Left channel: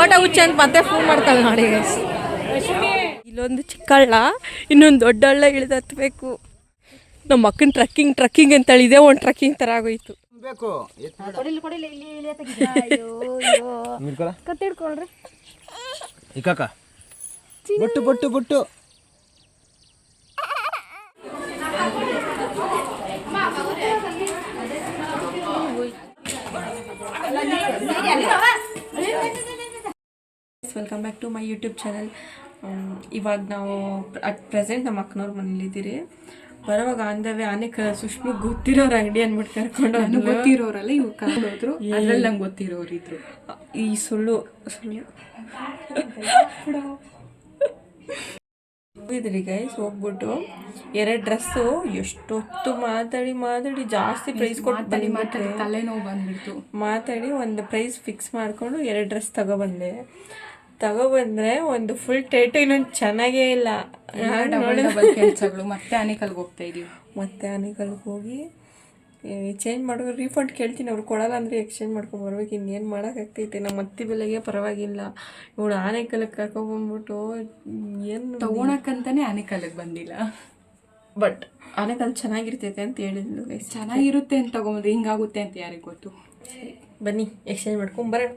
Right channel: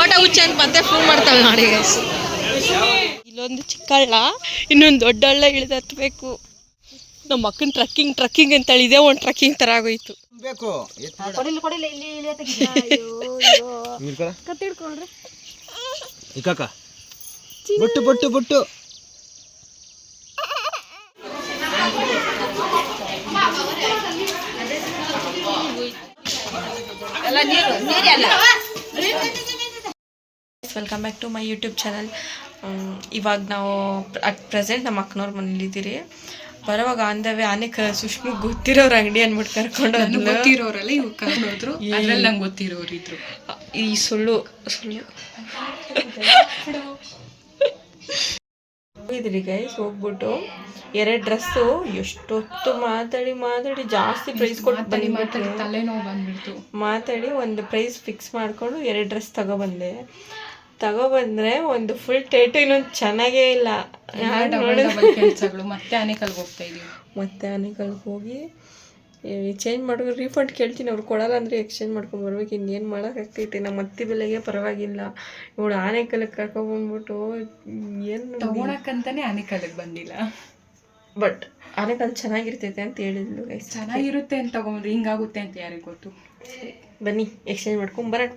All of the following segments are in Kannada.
ಫೋಟೋ ಹುಚ್ಚು ಅಂತ ಮತ್ತೆ ಫೋನ್ ಮಾಡ್ತಾಳೆ ನೋಡಿ. ಇಲ್ಲೊಂದು ಚಿಕ್ಕಳ್ಳ, ಇನ್ನೊಂದು ದೊಡ್ಡ ಹಳ್ಳ ಇಳಿದು ಹತ್ಬೇಕು. ನಮ್ಮ ಅಕ್ಕನ ಟ್ರಕ್ಕಿಂಗ್ ಅಂತೇಳಿ ಇದೇ ಒಂದು ಟ್ರಕ್ಕಿಂಗ್ ಥರ ಆಗೋಯ್ತು. ಬೊಟ್ಟು ಬೊಟ್ಟು ಬೊಟ್ಟು welcome back to my YouTube channel. ಇವಾಗ ನಾವು ಅಟ್ ಪ್ರೆಸೆಂಟ್ ನಮ್ಮ ಅಕ್ಕನವ್ರ ಮನೇಲಿದ್ದೀರಿ. ಬರೋವಾಗ ಅಂದವೇ ಸುಷ್ಮು ಗೊತ್ತಿರೋರು ಅಂಗಡಿ ಅಂದ್ಬಿಟ್ಟು ಕರ್ಕೊಂಡು ಗೊತ್ತಿರೋರಲ್ಲ ಇವ್ರು ಕರ್ಕೊಂಡೋದ್ರು. ಅದ್ರಲ್ಲಿ ನಂಗೆ ಗೊತ್ತಿರೋರು ಇದ್ರು. ಈ ಸುಳ್ಳು ಇದ್ರಿ ಗೈಸ್. ಹೋಗ್ಬಿಟ್ಟು 2 ಡ್ರೆಸ್ಸು ಎಷ್ಟೊತ್ತು ಮಾತಾಡಿ ಜಾಸ್ತಿ ಪ್ರೈಸ್ ಕೊಟ್ಟು ಬಂದ್ಬಿಟ್ರೆ ತಲೆನೋವು ಬಂದ್ಬಿಡ್ತು. ಮಾತಾಡಿ ಒಂದು ಪ್ರೈಸ್ ಫಿಕ್ಸ್ ಮಾಡಿಕೊಂಡು 2 ಡ್ರೆಸ್ ತಗೊಬಂದ್ರೆ ಒಂದು ಫುಲ್ ಟೇಟು ಇನ್ನೊಂದು ಚೆನ್ನಾಗೇ ಇಲ್ಲ. ಮತ್ತೆ ಆನೆಕಲ್ಗೆ ಹೋಗ್ತಾ ಇದೀವಿ. ಮತ್ತೆ ಆನೆಕಲ್ಗೆ ಹೋಗಿ ಚೇಂಜ್ ಮಾಡ್ಕೊಂಡು ರೀಫಂಡ್ ಕೇಳ್ತೀನಿ. ಅವ್ರು ಕೊಡಲ್ಲ ಅಂದರೆ ಎಕ್ಸ್ಚೇಂಜ್ ಮಾಡ್ಕೊಂಡು ಬರ್ಬೇಕು. ಇನ್ನೇನು ಮಾಡೋಕ್ಕಾಗ್ತೈತೆ. ನಮ್ಮ ಅತ್ತಿ ಬೆಲೆಗೆ ಪರವಾಗಿಲ್ಲ. ಇವಳು ಆನೆಕಲ್ಗೆ ಕರ್ಕೊಂಡ್ಬಂದ್ಬಿಟ್ಟು ಏನು ತೊಗೊಳಕ್ಕಂತಾನೆ ಆನೆಕಲ್ಗೆ ಬಂದಿಲ್ಲ. ಬಟ್ ಆನೆಕಲ್ ಚೆನ್ನಾಗಿರ್ತೈತೆ ಅಂತ ಹೇಳಿದ್ಲು ಗೈಸ್. ಚೆನ್ನಾಗಿರುತ್ತೆ ಅಂತ ತೊಗೊಂಡ್ರೆ ಹಿಂಗಾಗುತ್ತೆ ಅಂತ ಯಾರಿಗೆ ಗೊತ್ತು. ಬನ್ನಿ ಎಕ್ಸ್ಚೇಂಜ್ ಮಾಡ್ಕೊಂಬರೋಣ.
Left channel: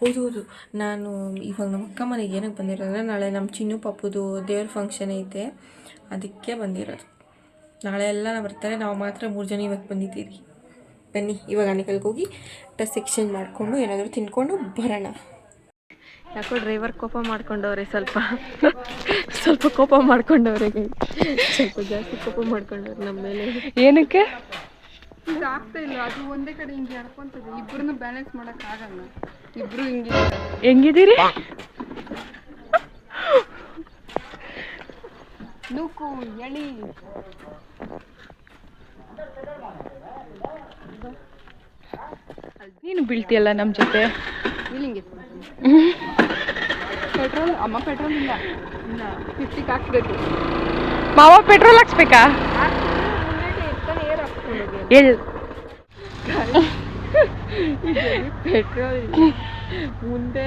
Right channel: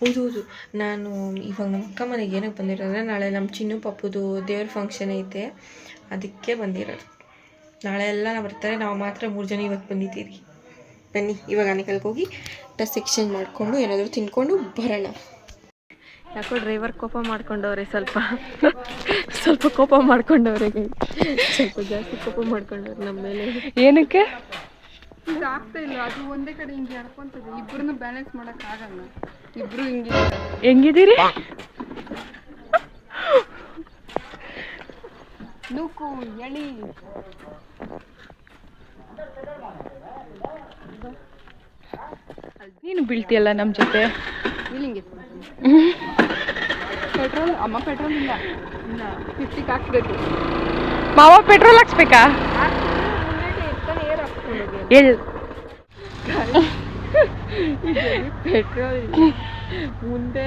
ಹೌದು, ನಾನು ಇವಾಗ ನಮ್ಮ ಅಕ್ಕ ಮನೆಗೆ ಏನಕ್ಕೆ ಬಂದಿರೋದ್ರೆ ನಾಳೆ ನಮ್ಮ ಚಿನ್ನು ಪಪ್ಪುದು ದೇವ್ರ ಫಂಕ್ಷನ್ ಐತೆ, ಅದಕ್ಕೆ ಬಂದಿರೋದು. ನಾಳೆ ಎಲ್ಲ ಬರ್ತಾರೆ, ನಾವು ಮಾತ್ರ 3 ಜನ ಇವತ್ತು ಬಂದಿದ್ದೀರಿ. ಬನ್ನಿ ಇವಾಗ ಆನೆಕಲ್ಗೆ ಹೋಗಿ ಡ್ರೆಸ್ ಎಕ್ಸ್ಚೇಂಜ್ ಮಾಡಿಕೊಂಡು ಏನಾದರೂ ತಿನ್ಕೊಂಡು ಬರೋಣ. ಯಾಕೋ ಡ್ರೈವರ್ ಕೋಪ ಮಾಡ್ಕೊಂಡವ್ರೆ, ಸ್ವಲ್ಪ ಕೋಪ ಮಾಡ್ಕೊಂಡವ್ರೆ, ಸ್ವಲ್ಪ ಜಾಸ್ತಿ ಕೋಪ ಮಾಡ್ಕೊಂಡವ್ರೆ ನಮ್ಮ ಮೇಲೆ. ಏನಕ್ಕೆ ಆಗ್ತಾ ಇಲ್ಲ, ಅದು ಒಂದೇ ಕಡೆ ಹಿಂಗೆ ಹೇಳ್ಕೊಂತದೆ. ಇಬ್ಬರನ್ನು ಬ್ಯಾಲೆನ್ಸ್ ಮಾಡೋಕ್ಕಾಗಲ್ಲ. ಇಬ್ರು ಹೆಂಗಿದ್ದೀರಿ? ನೂಕು ಎಳಿ ನೀನು ಬೀಳ್ತೀಯಲ್ಲ ನಮ್ಮ ಜೊತೆ. ಪೆಟ್ರೋಲ್ ಅಮ್ಮ ಪೆಟ್ರೋಲ್ ಇಲ್ಲ 50 ಹಾಕ್ಬೇಕು. ಮಾವ ಪೆಟ್ರೋಲ್ ಹಾಕ್ಸ್ಬೇಕಾ? ಪೆಟ್ರೋಲ್ ಮುಂದೆ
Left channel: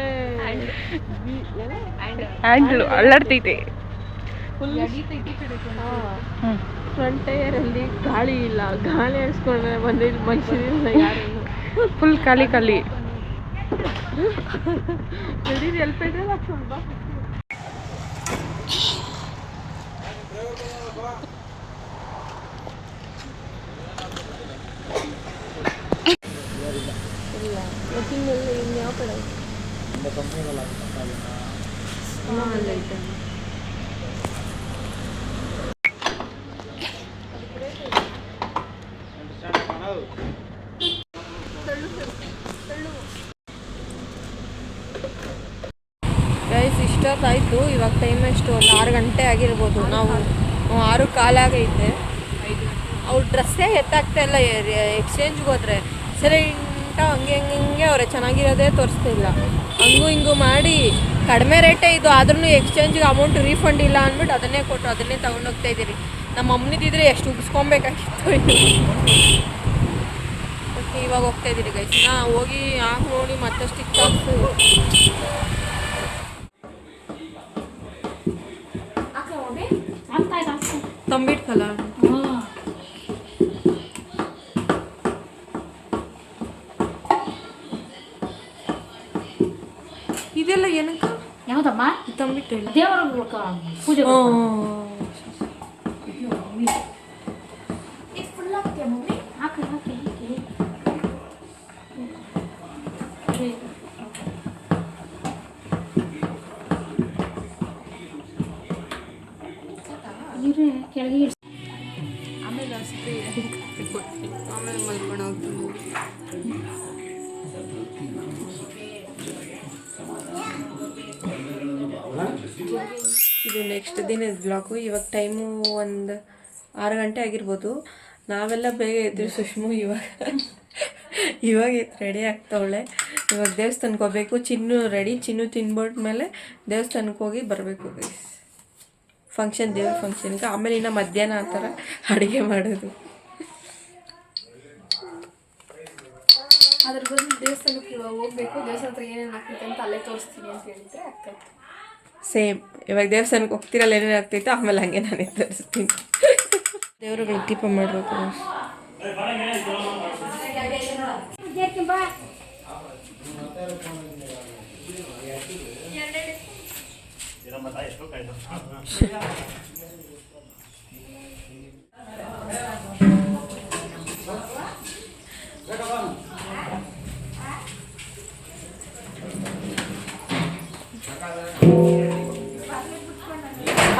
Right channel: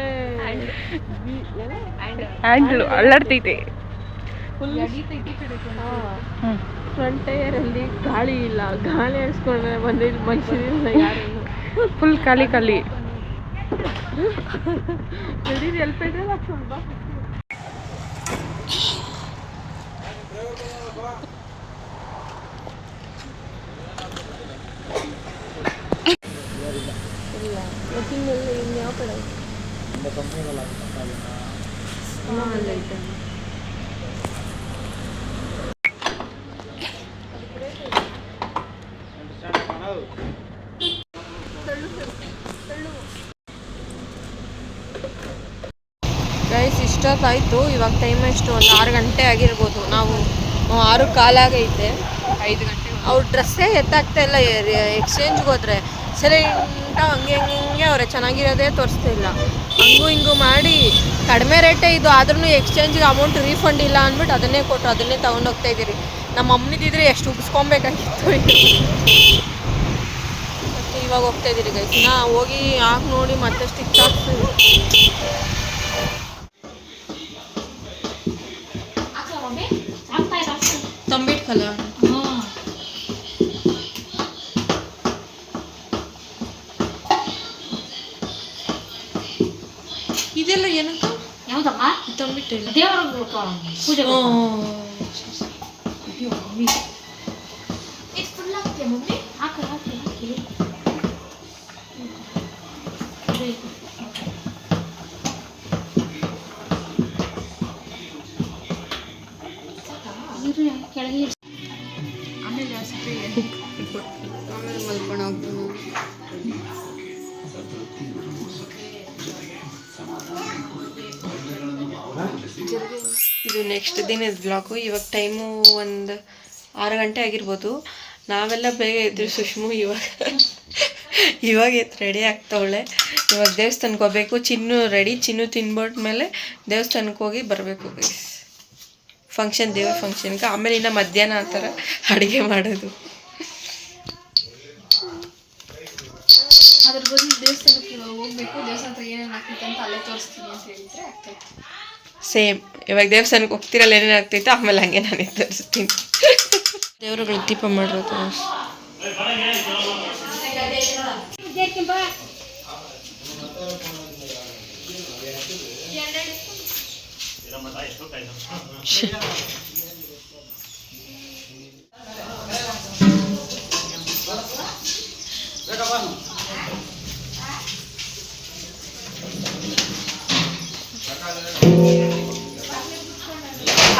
ಹ್ಯಾಂಡ್ಲು ಅಳ್ಳಾಡ್ತೈತೆ. ಫ್ರಂಟ್ ಟೈರಲ್ಲಿ ಗಾಳಿ ಇಲ್ಲ. ಗಾಳಿ ಹಾಕ್ಸ್ಕೊಂಡ್ರೆ ಬಂದಿದ್ದು ಮನುಷ್ಯರಿಲ್ಲ ಯಾರು. ಫುಲ್ ಖಾಲಿ ನಡೀರಿ. ಎಲ್ಲಿ ಪೆಟ್ರೋಲ್ ಹಾಕ್ಸ್ಕೊಂಡು ಬಾ. ಇನ್ಯಾವ ಕಡೆ ಐತೆ? ಗೈಸ್ ಇಷ್ಟೊತ್ತಾಯಿತು. ಇವಾಗ ಟೈಮ್ ಎಷ್ಟು? ಒಂದು 6 ಗಂಟೆ ಆಗಿರ್ಬೋದು. ನಾವು 6:15 ಆಗೈತೆ. 5 ಗಂಟೆ. ಅವ್ರ ಡ್ರೆಸ್ಸೇ ಎತ್ತಾಗ್ತಾ ಇಲ್ಲ. ಎಕ್ಸ್ಚೇಂಜ್ಗೆ ಹೋದ್ರೆ ಸರಿ ಹಂಗೆ ಅವರೇ ಚೆನ್ನಾಗಿರೋದೇ ತೋರಿಸ್ತಾ ಇಲ್ಲ. ಹಂಗೂ ಹಿಂಗೂ ಮಾಡಿ ಕಡಿಮೆ ರೇಟೇ ಇದು, ಆದ್ರೂ ಎಕ್ಸ್ಚೇಂಜ್ಗೆ ಅಮೌಂಟ್ ರೀಫಂಡ್ ಇಲ್ಲ ಅಂದ್ಬಿಟ್ಟು ಅದನ್ನೇ ಕೊಟ್ಟು ಅದನ್ನೇ ತೊಗೊಂಡೋಗ್ತಾ ಇದ್ದೀರಿ. ನಮ್ಮ ಅಮ್ಮನಿದ್ದಿದ್ರೆ ಎಷ್ಟು ಉಗಿಸ್ಕೊಬೇಕಾಗಿತ್ತು. ಮತ್ತು ಇವಾಗ ಹೋಗ್ತಾ ಇದ್ದೀರಿ ಗೈಸ್. ಹೋಗಿ ಹಾಕಿ ನೋಡಿ ಮತ್ತೆ ಸ್ಟಿಚ್ ಆಗ್ತದೆ. ತಂಬಿಟ್ಕಲ್ಲ ಇದೆಲ್ಲ ಏನಕ್ಕ? ಯಾವುದಮ್ಮ? ತಂಬಿಟ್ಟಿಲ್ಲ. ಆಮೇಲೆ ಅಷ್ಟೇ, ಆಮೇಲೆ ಮಲ್ಕೊಂಡು ಹೋಗ್ತೀನಿ. ಇದು ನೆಕ್ಸ್ಟ್ ದಿನದ ಬ್ಲಾಗು. ಇವಾಗ ಟೈಮು ಒಂದು 6 ಗಂಟೆ ಆಗಿರ್ಬೋದು. ನಾವೆಲ್ಲ ಬೇಗ ಇದ್ದರು. ಸುಷ್ಮು ಇವಾಗ ರೆಡಿ ಆಗ್ತಾವಳೆ. ಇವಾಗ ದೇವಸ್ಥಾನಕ್ಕೆ ಹೋಗ್ಬೇಕು. ಚಿನ್ನು ರೆಡಿ. ಚಿನ್ನು ತಿನ್ಬಿಟ್ಮೇಲೆ ದೇವಸ್ಥಾನಕ್ಕೆ ಹೋಗಿ ಬರಬೇಕು ಗೈಸ್. ದೇವ್ರ ಫಂಕ್ಷನ್ಗೆ. ಆಮೇಲೆ ಇನ್ನು ಮಧ್ಯಾಹ್ನ ಆ ಥರ ಅಡುಗೆ ಮಾಡೋದು. ಅದ್ರ ಬದಲು ದೇವಸ್ಥಾನಕ್ಕೆ ಹೋಗ್ಬೇಕು, ದೇವಸ್ಥಾನ ಹತ್ರ ಏನೇನು ಆಗ್ತೈತೆ ಅಂತ ಅಲ್ಲೇ ತೋರಿಸ್ತೀನಿ ಅಂತ ಹೇಳಿದ್ರೆ ಆಗ್ತೈತೆ. ಸೇಮ್ ಇವಾಗ ದೇವಸ್ಥಾನಕ್ಕೆ ಹೋಗ್ತಿರಲ್ಲ ಏನೇನು ಆಗ್ತೈತೆ ಆಮೇಲೆ ಹಂಗೆ ನಾನೇ ತೋರಿಸ್ತೀನಿ. ದೇವರುಗಳಿಗೆ ದೀಪ ಮಾಡಿರೋದು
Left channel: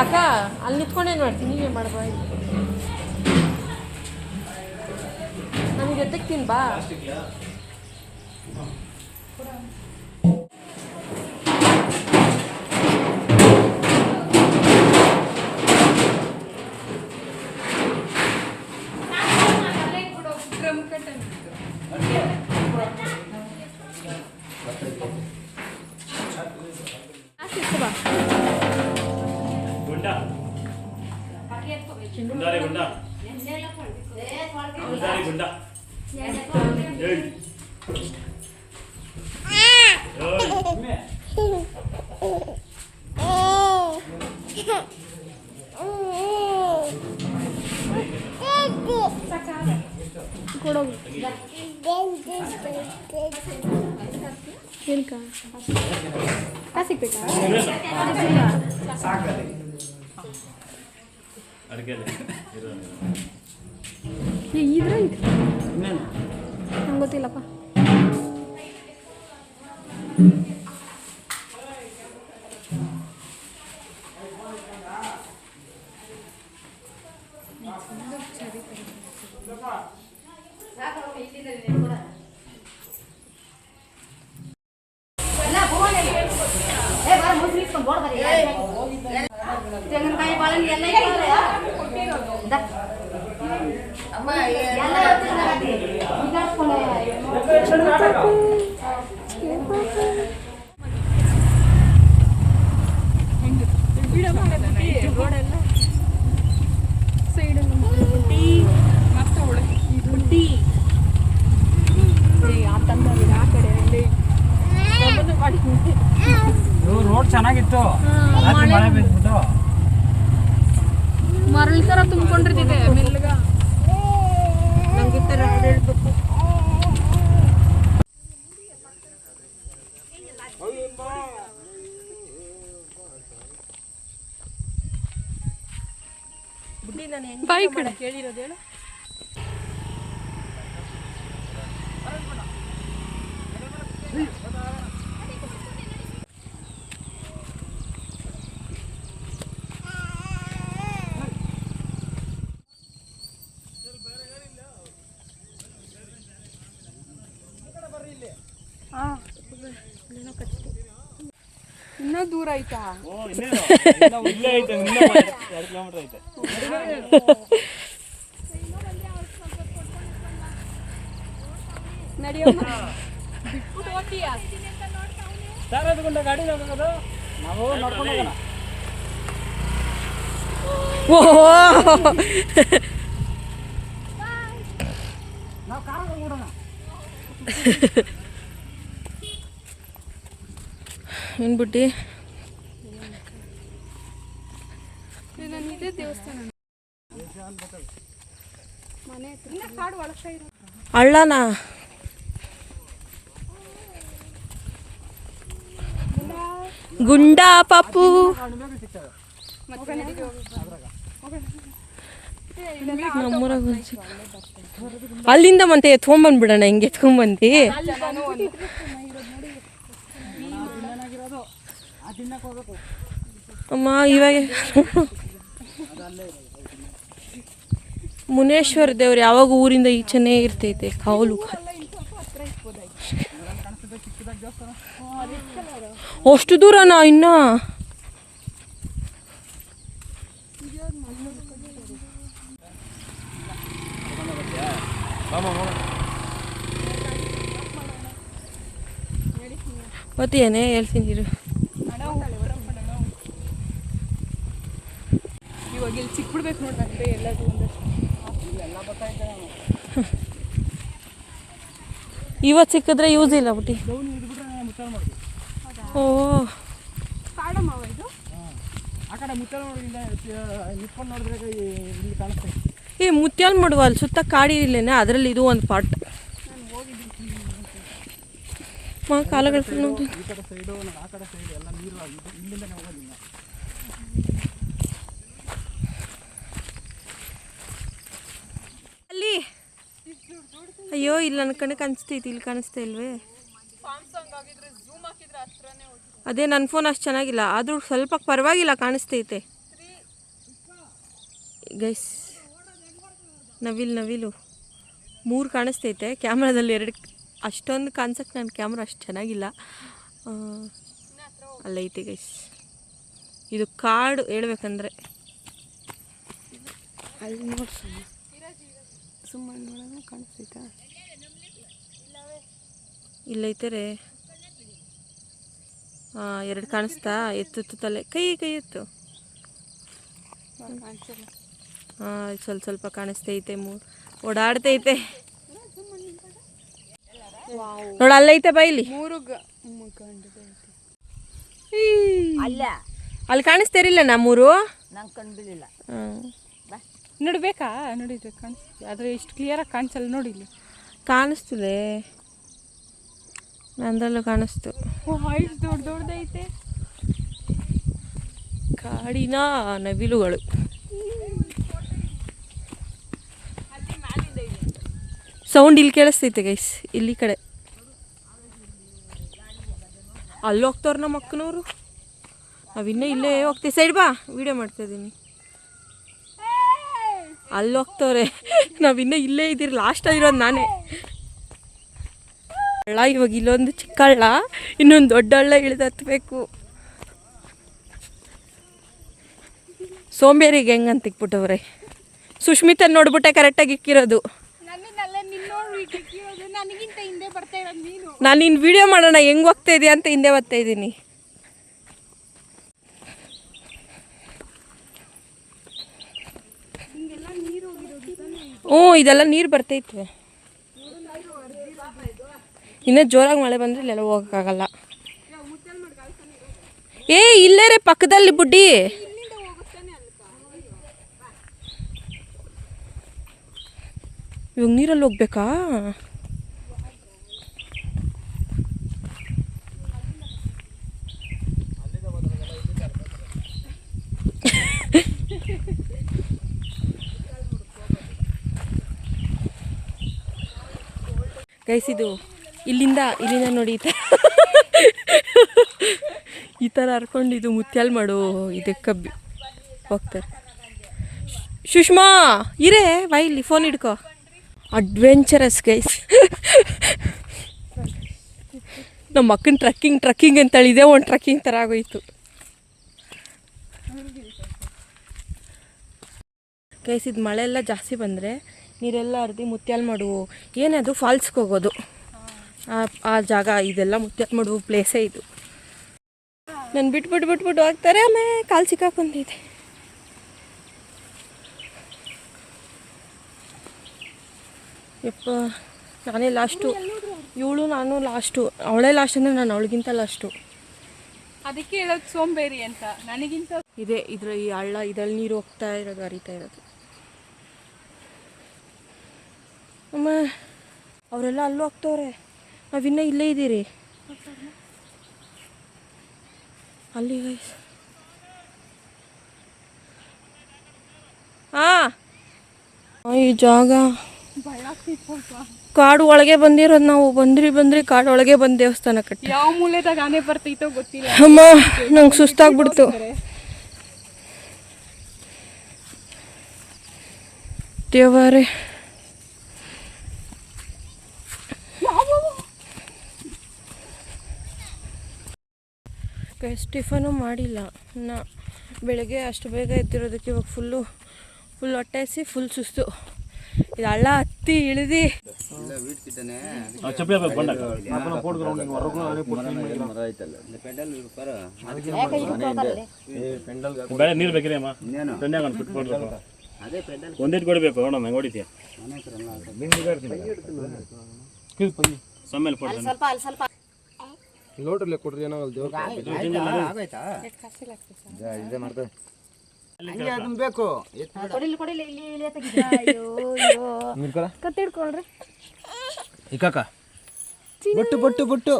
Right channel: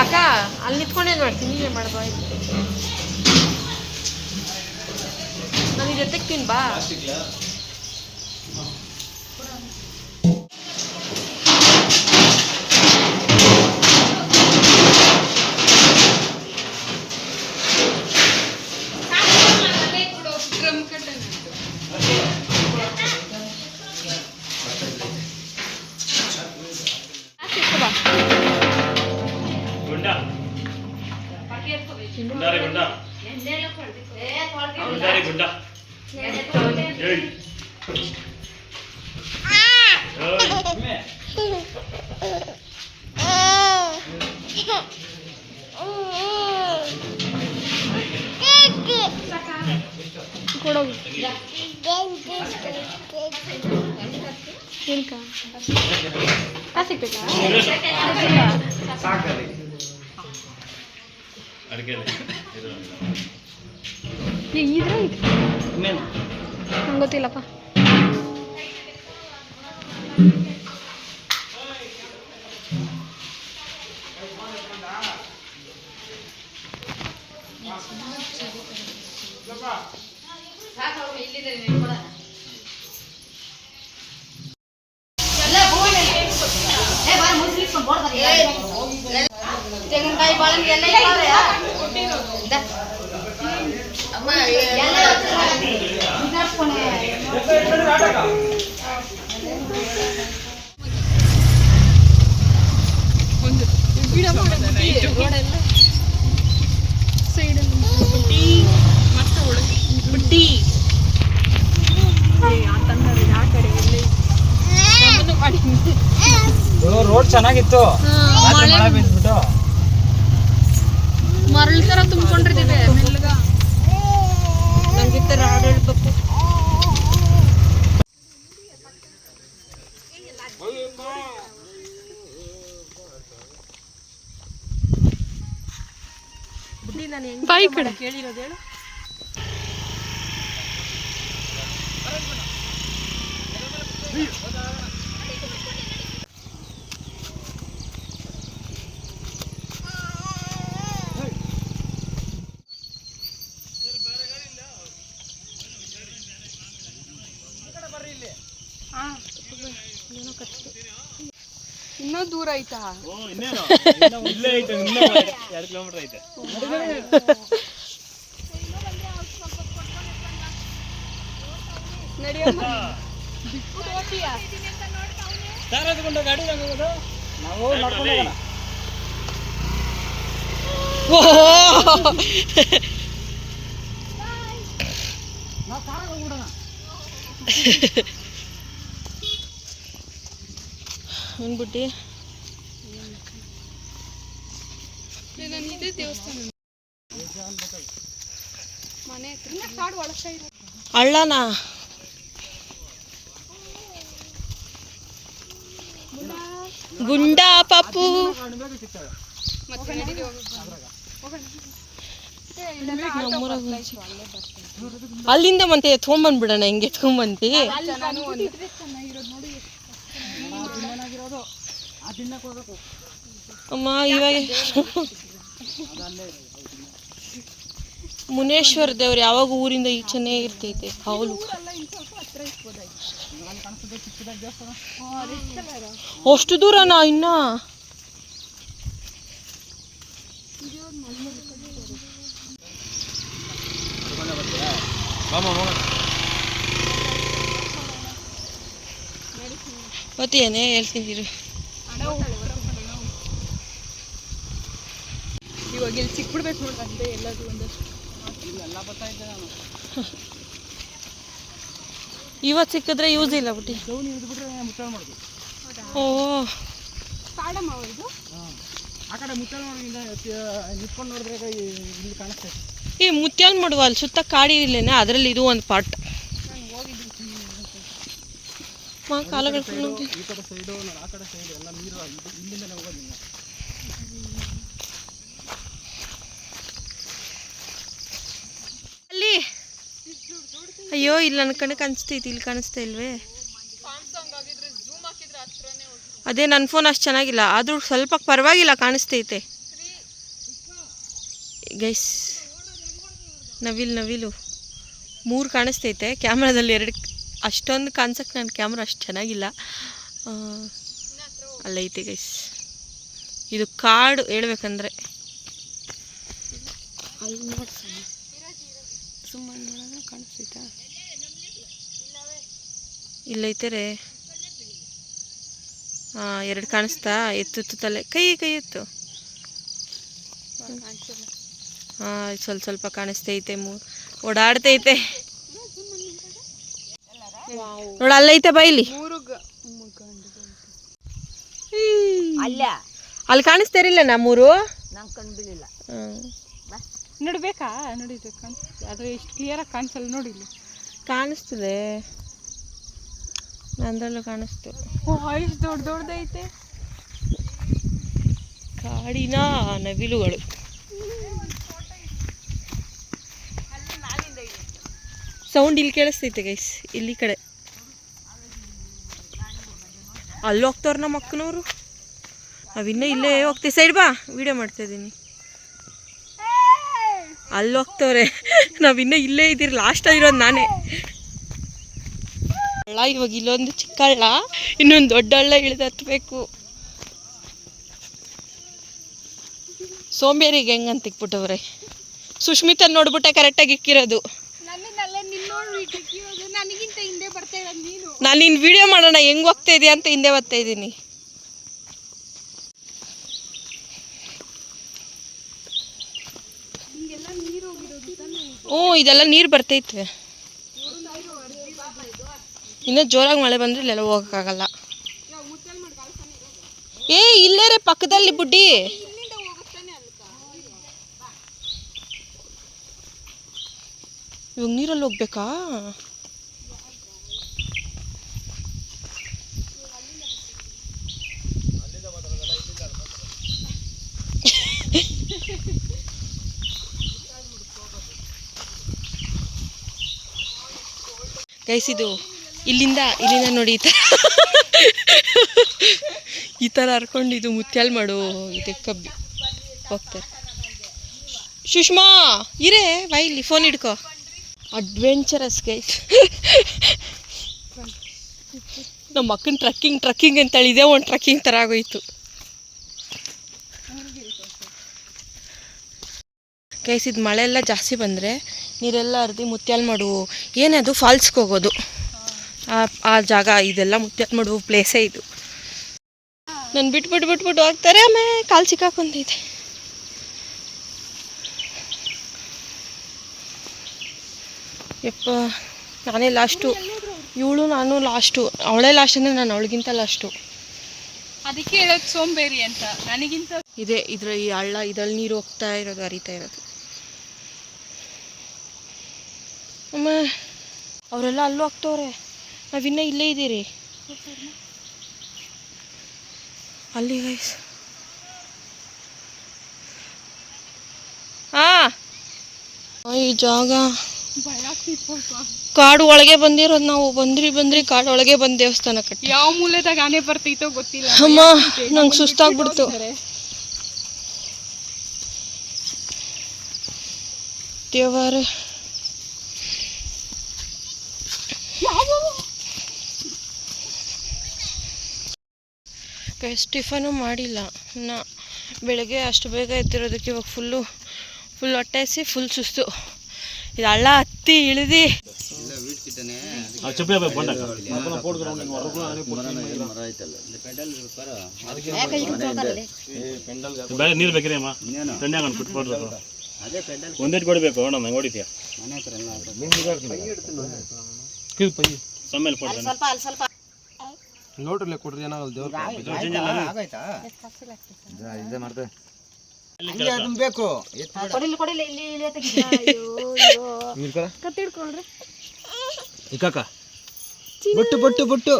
ಅಕ್ಕ ಅಲ್ಲಿ ನಿಂತ್ಕೊಂಡೇನು ಮಾಡ್ತೀನಿ, ನೀವೇ ಮಾಡಬಾ, ನಾನು ಜೊತೆಗೆ ತಿನ್ ಬಾ. ಕೊಡೋಗಿ ಕಾಸಿಕ್ಬೇಕಾ ಇದ್ರೆ ನಂಗೆ ಗೊತ್ತಿಲ್ಲಪ್ಪ. ತೆಂಗಿನಕಾಯಿ ಬಾಳೆಹಣ್ಣು ಎಲ್ಲ ರೋಡ್ ಚೆನ್ನಾಗಿತ್ತು, ಮರಳು ತರ ತುಂಬಿಕೊಂಡಿರ್ತೀವಿ ಮೆಲ್ಲಗ. ನಮ್ಗೆ ತರ ಹಾಡು ಹೇಳ್ಬೇಕು. ಬಾಯಿ ಕಡೆ ಕೇಳಿರೋದು ಹೇಳು. ಇನ್ನೂ ದೂರ ಐತಾ? ಇಲ್ಲೇ ಐತೆ, 2 ಕಿಲೋಮೀಟರ್ ಐತೆ. ಗಾಡಿ ನಾವು ನಡ್ಕೊಂಡು ಹೋಗೋಣ. ನಾವು ಕಾರಾಗ ಓಡೋಣ. ಏನ್ಬಿಟ್ಟು ಈಗ ಇಲ್ಲಿದೆ ದೇವಸ್ಥಾನ ಮನೆ ಹತ್ರ ಕಾಡು ಒಳಗ್ತಾ ಇರೋ ಅಳ್ಳನ ಗುಂಡಾ ಪಾಪು ಮತ್ತೆ ನಡಿಗೆ ಅಲ್ಲಿಂದ ಮತ್ತೆ ಎತ್ಕೊಂಡ್ಬಂದ್ಬಿಡೋಣ, ಹಿಂಗೆ ಎತ್ಕೊಂಡ್ಬಂದು ಅಮ್ಮ. ಇವಾಗ ಮುನೇಶ್ವರ ದೇವ್ರು ಯಾವಾಗ ಊರಿಂದ ಈಚೆನೇ ಇರ್ತೈತೆ ಕಾವಲು. ಅಷ್ಟು ದೂರನಾ ಇನ್ನ? ಗೊತ್ತೇನೆ ಹೇಳ್ತಿದ್ದೀರು. ಇವಾಗ ಇಲ್ಲಿ ಸಿಕ್ಬಿಡ್ಬೇಕು ನೋಡ್ದಂತೆ ಎಲ್ಲರೂ ಒಂದಷ್ಟು. ಇವತ್ತು ಸಿಕ್ಕಿದ್ರೆ ಯೂಸ್ ಇಲ್ಲ ಬುಟ್ಟಿ. ದೌನಿ ಹಿಡಿದ್ಬಿಟ್ರೆ ಮುಚ್ಚಾಳ ಮಾಡ್ತೀವಿ. ಓ ಕಾಡಮ್ಮ ಇದು ಆ ಕಡೆ ಮುಚ್ಚಾಳ ನಿಂತ್ಕೊಂಡು ನೋಡಿದ್ರೆ ಇಲ್ಲಿ ಕಾಣಿಸ್ತೇವೆ. ಈ ಮುತ್ಯಾಲ್ ಮಾಡುವ ಅಲ್ಲಿ ಸುತ್ತ ಕಾಡಿ ಇಲ್ಲೇನೆ, ಅದರಲ್ಲಿ ಇದು ಒಂದು ಪಾರ್ಟ್. ಕಾಲುಗಳು ಈ ಕಡೆ ಸೈಡು ಆ ಕಡೆ ಸೈಡು ಎಲ್ಲ ನೀರು ಇಲ್ಲಿಂದಲೇ ಹೋಗೋದಿಲ್ಲ. ಅಲ್ಲಿ ಅಯ್ಯೋ ಇಲ್ಲಿ ನನ್ನ ಕಣ್ಣು ಕಾಣಿಸ್ತೈತಿ, ಇಲ್ಲಿ ಕಾಣಿಸ್ತಾ ಇಲ್ವೇ? ಅದೇ ನನ್ನ ಫೋನ್ ಅಷ್ಟು ಚೆನ್ನಾಗಿಲ್ಲ, ಆದರೂ ಸ್ವಲ್ಪ ಪರವಾಗಿಲ್ಲ ಕಾಣಿಸ್ತೈತೆ ಗೈಸ್. ನವಿಲು 3 ಕಾಣಿಸ್ತೈತೆ ಕ್ಯಾಮ್ರಾದಲ್ಲಿ, 2 ಅಷ್ಟೊಂದು ಕಾಣಿಸೋಕ್ಕೆ ನನ್ನ ಕ್ಯಾಮ್ರಾ ಅಷ್ಟು ಚೆನ್ನಾಗಿಲ್ಲ. ಅಲ್ಲೈತೆ ಗೈಸ್, ಇದು ಕಾಡು ಹೇಳ್ಬೇಕಂದ್ರೆ. ಅಲ್ಲಿ ನೋಡಿ ಸುಮ್ಮನೆ ನೋಡೋಣ ಕಾಣಿಸ್ತೈತಾ? ಇಲ್ಲೈತೆ ರೇ. 2 ಕಾಣಿಸ್ತಾ? ಎತ್ತು ತಲೆ, ಕೈ ಎತ್ತು. ಸ್ವಲ್ಪ ಕಾಣಿಸ್ತೈತೆ, ಓಡಾಡ್ತೈತೆ ನೋಡ. ಅಲ್ಲೈತೆ ಬೈಲಿ, ಅಲ್ಲಿ ಕಾಣಿಸ್ತಾರಿಲ್ಲ ನಾ 3 ನೋಡ್ಬೇಕಾ? ನೋಡಿದ್ರೆ ಕಾಣಿಸ್ತೀವಿ, ಆದರೆ ಇಷ್ಟು ಕ್ಲಿಯರಾಗಿ ಕಾಣಿಸಲ್ಲ. ನೋಡಿ ಇಲ್ಲಿ ಕಾಣಿಸ್ತಿದೆ, ನಂದ್ರಲ್ಲೂ ಕಾಣಿಸ್ತು. ಇಷ್ಟು ದೊಡ್ಡದೈತೆ ಕಾಡಿನ ನವಿಲುಗಳು. ಸೌಂಡ್ ಇಲ್ಲಿ ಕೇಳಿಸ್ತೈತೆ ಗೈಸ್, ಇಲ್ಲಿ ಕಡೆ. ಅಲ್ಲಿ ಹೋಗ್ತವ್ರು ನಮ್ಮ ಅಕ್ಕನವರು, ನಾವಿನ್ನೂ ಇಲ್ಲೇ ಹೋಗ್ತೀವಿ. ಸೈಡ್ ಬಾ, ವಿಡಿಯೋ ಮಾಡ್ತಾಯಿದ್ದೀನಿ. ಅಲ್ಲಿ ಹೋಗ್ತವ್ರೆ, ನಾವಿನ್ನೂ ಇಲ್ಲೇ ಇದ್ದೀರಿ. ಲಾಸ್ಟಲ್ಲಿರೋದು ನಾನೇ. ಹಳ್ಳ ಇವಾಗ ಇಲ್ಲೊಂದು ಚಿಕ್ಕ ಹಳ್ಳ, ಇನ್ನೊಂದು ದೊಡ್ಡ ಹಳ್ಳ ಇಳಿದು ಹತ್ಬೇಕು. ಸೋಂಬೇರಿಗೆ ಹೆಂಗಂತ ಇಕ್ಬಿಟ್ಟವ್ರೆ. ಸುಷ್ಮಿತಾ ನೋಡ್ಬಿಟ್ಟೆ ಕರೆಕ್ಟಾಗಿ ಇಕ್ಕಿರೋದು. ನನಗಿಂತ ಹಿಂದೆ ಬರ್ತಾ ಇರೋದು ನೀನು. ನಾನು ನಿನ್ನ ವಿಡಿಯೋ ಮಾಡೋಣ ಹೆಂಗೆ ಹೋಗ್ತಾ ಇದೆಯಾ ಅಂತ ಹಿಂದೆ ಬರ್ತಾ ಇದ್ದೀನಿ. ಇದೆಲ್ಲ ನೀರು ಬರ್ತೈತೆ. ಇನ್ನೂ ಜೋರಾಗಿ ಮಳೆ ಬಂದರೆ ಇಲ್ಲೆಲ್ಲ ಹೋಗೋಕ್ಕಾಗಲ್ಲ. ಇಲ್ಲೇ ರೀ ಪಕ್ಕದಲ್ಲಿ ಬುಡ್ಡಿ. ಇವಾಗ ನೀರಲ್ಲಿ ಹೋಗ್ಬೇಕಾ? ಗೈಸ್ ಇದು ಇಲ್ಲಿಂದ ನೋಡಿ ಈ ಥರ ಹರ್ಕೊಂಡು ಇದು ಮುತ್ಯಾಲ್ ಮಾಡು ಇದಕ್ಕೆ ಹೋಗ್ತಾರೆ. ಸುಷ್ಮಾ ಇರೇ ಬಾ, ಇಲ್ಲಿ ಫೋನ್ ಹಿಡ್ಕೊ. Adventurous guys. ನಮ್ಮ ಅಕ್ಕನ ಟ್ರಕ್ಕಿಂಗ್ ಅಂತೇಳಿ ಇದೇ ಒಂದು ಟ್ರಕ್ಕಿಂಗ್ ಥರ ಆಗೋಯ್ತು ಗೈಸ್. ಇದು ಮಳೆ ಎಲ್ಲ ಜಾಸ್ತಿ ಬಂದರೆ ನೀರೆಲ್ಲ ಹರಿದು ಮುತ್ಯಾಲ್ ಮಾಡು ಏನದು ಫಾಲ್ಸ್ಗೆ ಹೋಗೋದು ಆ ಜಾಗ. ಇದೆಲ್ಲ ಮುತ್ಯಾಲ್ ಮಾಡು ಪ್ಲೇಸೇ ಇದು. ನಾನು ಬಿಟ್ಬಿಟ್ಟು ಹೋಗ್ತಾರೆ, ಆಮೇಲೆ ಕಾಲು ಸಿಕ್ಕಾಕೊಂತೈತೆ. ಯಪ್ಪ ನಾನೇ ಲಾಸ್ಟು, ಇವಳು ನಾನು ಲಾಸ್ಟು. ಅವಳೇ ಲಾಸ್ಟ್ ಅಂದರೆ ನಾನು ಅವಳಿಗಿಂತ ಲಾಸ್ಟು. ಅದಕ್ಕೆ ಹೇಳೋದು ಸೋಂಬೇರಿ ಅಂತ. ನನಗಿಂತ ಇದ್ರ ಈ ಹಳ್ಳ ಇದ್ರಲ್ಲಿ ನೀರು ಹೋಗ್ತಾ ಇರೋದು, ಹರಿತಾ ಇರೋದು. ಅಮ್ಮ ಅವರೆಲ್ಲ ಅಲ್ಲೂ ಹೋಗ್ತವ್ರೆ, ನಾವಿನ್ನೂ ಇಲ್ಲೇ ಇದ್ದೀರಿ. ಅಲ್ಲಿ ಗೈಸ್ ಈ ಜಾಗ ಕಾಡು ಒಳಗೆ ಬಂದಿರೋದು ನಾವು. ಬಂದ್ರಿ ಕಾಡು ಒಳಗೆ ಬಂದು ದೇವಸ್ಥಾನ ಕಟ್ಟಿ. ಯಾವ ಮೂಲದಾಗ ಆನೆ ಬರ್ತೈತೋ ಗೊತ್ತಿಲ್ಲ. ಅಮ್ಮ ನಂಗೆ ಸುಸ್ತಾಗ್ಬಿಡ್ತು. ದೇವರೇ ಟಿಫನು ಮಾಡಿಲ್ಲ ಇನ್ನು. ಬೆಳಗ್ಗೆ ಅಷ್ಟು ಬೇಗ ಎದ್ದಿರೋದಕ್ಕೆ ಇವಾಗ ಫುಲ್ ಹೊಟ್ಟೆ ಹಸಿ, ಫುಲ್ ಸುಸ್ತು. ಇದು ಹಳ್ಳ ಹತ್ತಿ ಇಳಿದು ಬೆಳೆ ನೀರು ಬೇಕ್ರಿ ಅಮ್ಮ, ಒಂದೇಟ್ ಕೊಡಬೇಕು. ಹೊಡಿತೀಯ ನೋಡ್ರಲ್ಲೇ ಕೊಡ್ರಿ ಏನೋ ಬೇಕು ಇಕ್ಕಾಕ ಬೊಟ್ಟು ಬೊಟ್ಟು ಬೊಟ್ಟು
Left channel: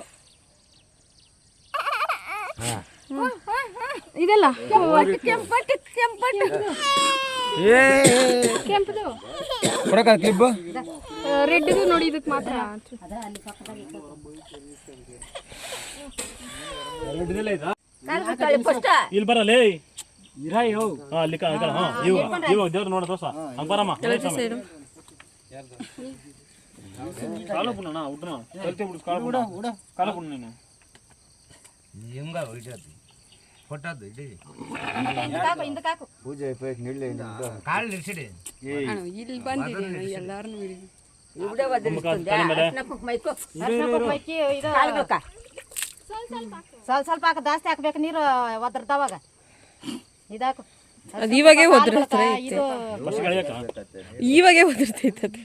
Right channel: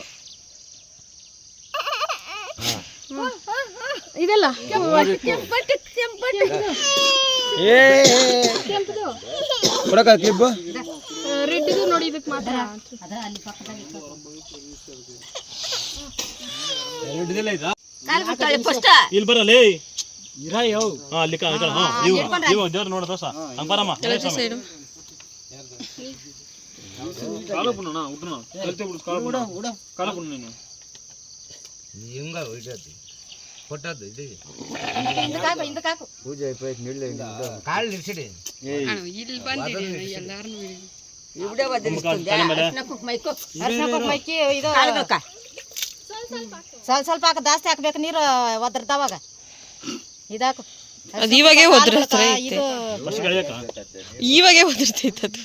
ಇದೆಲ್ಲ ಕೊಡಕ ಕ್ಲಿಪ್ ರೆಡ್ ಇದು ನೋಡಿ ಇದಕ್ಕೆ ಮಾತ್ರ ಇಲ್ಲಿ ಬರಲೇ ಇರಾ ಯೋ ಅಲ್ಲಿ ಇವು ದೇವ್ರು ನೋಡ ದೋಸ ಹಂಗೆ ಬರಮ್ಮ ಸೈಡು ಕಾಲು ಪುಣ್ಣ ಉಡ್ನ ಕಲ್ತೆ ಬಿಡು ಕಾಲು ಪುಣ್ಣ ನೀನು ಹಿಂಗ ಹೊಯ್ಟದ್ದು ಕೊಟ್ಟದ್ದು ಇದು ಪೂಜೆ ಕಾಳು ನಿಲ್ಸಿಡಿ ಇಲ್ಲಿ ಬಂದಿದೆ ಎಲ್ಲಾರನು ಸ್ವಲ್ಪ ಹಾಕ ಜಾಸ್ತಿ ಹಾಕ್ಬೇಕು ನೀರು ಒದರ್ದವಾಗ ಇದಾಕು ಅದು ಇವಾಗೇ ಒದರ್ತಾರೆ ಐತೆ ಇವಾಗೇ ಒದರ್ತೈತೆ ಅದು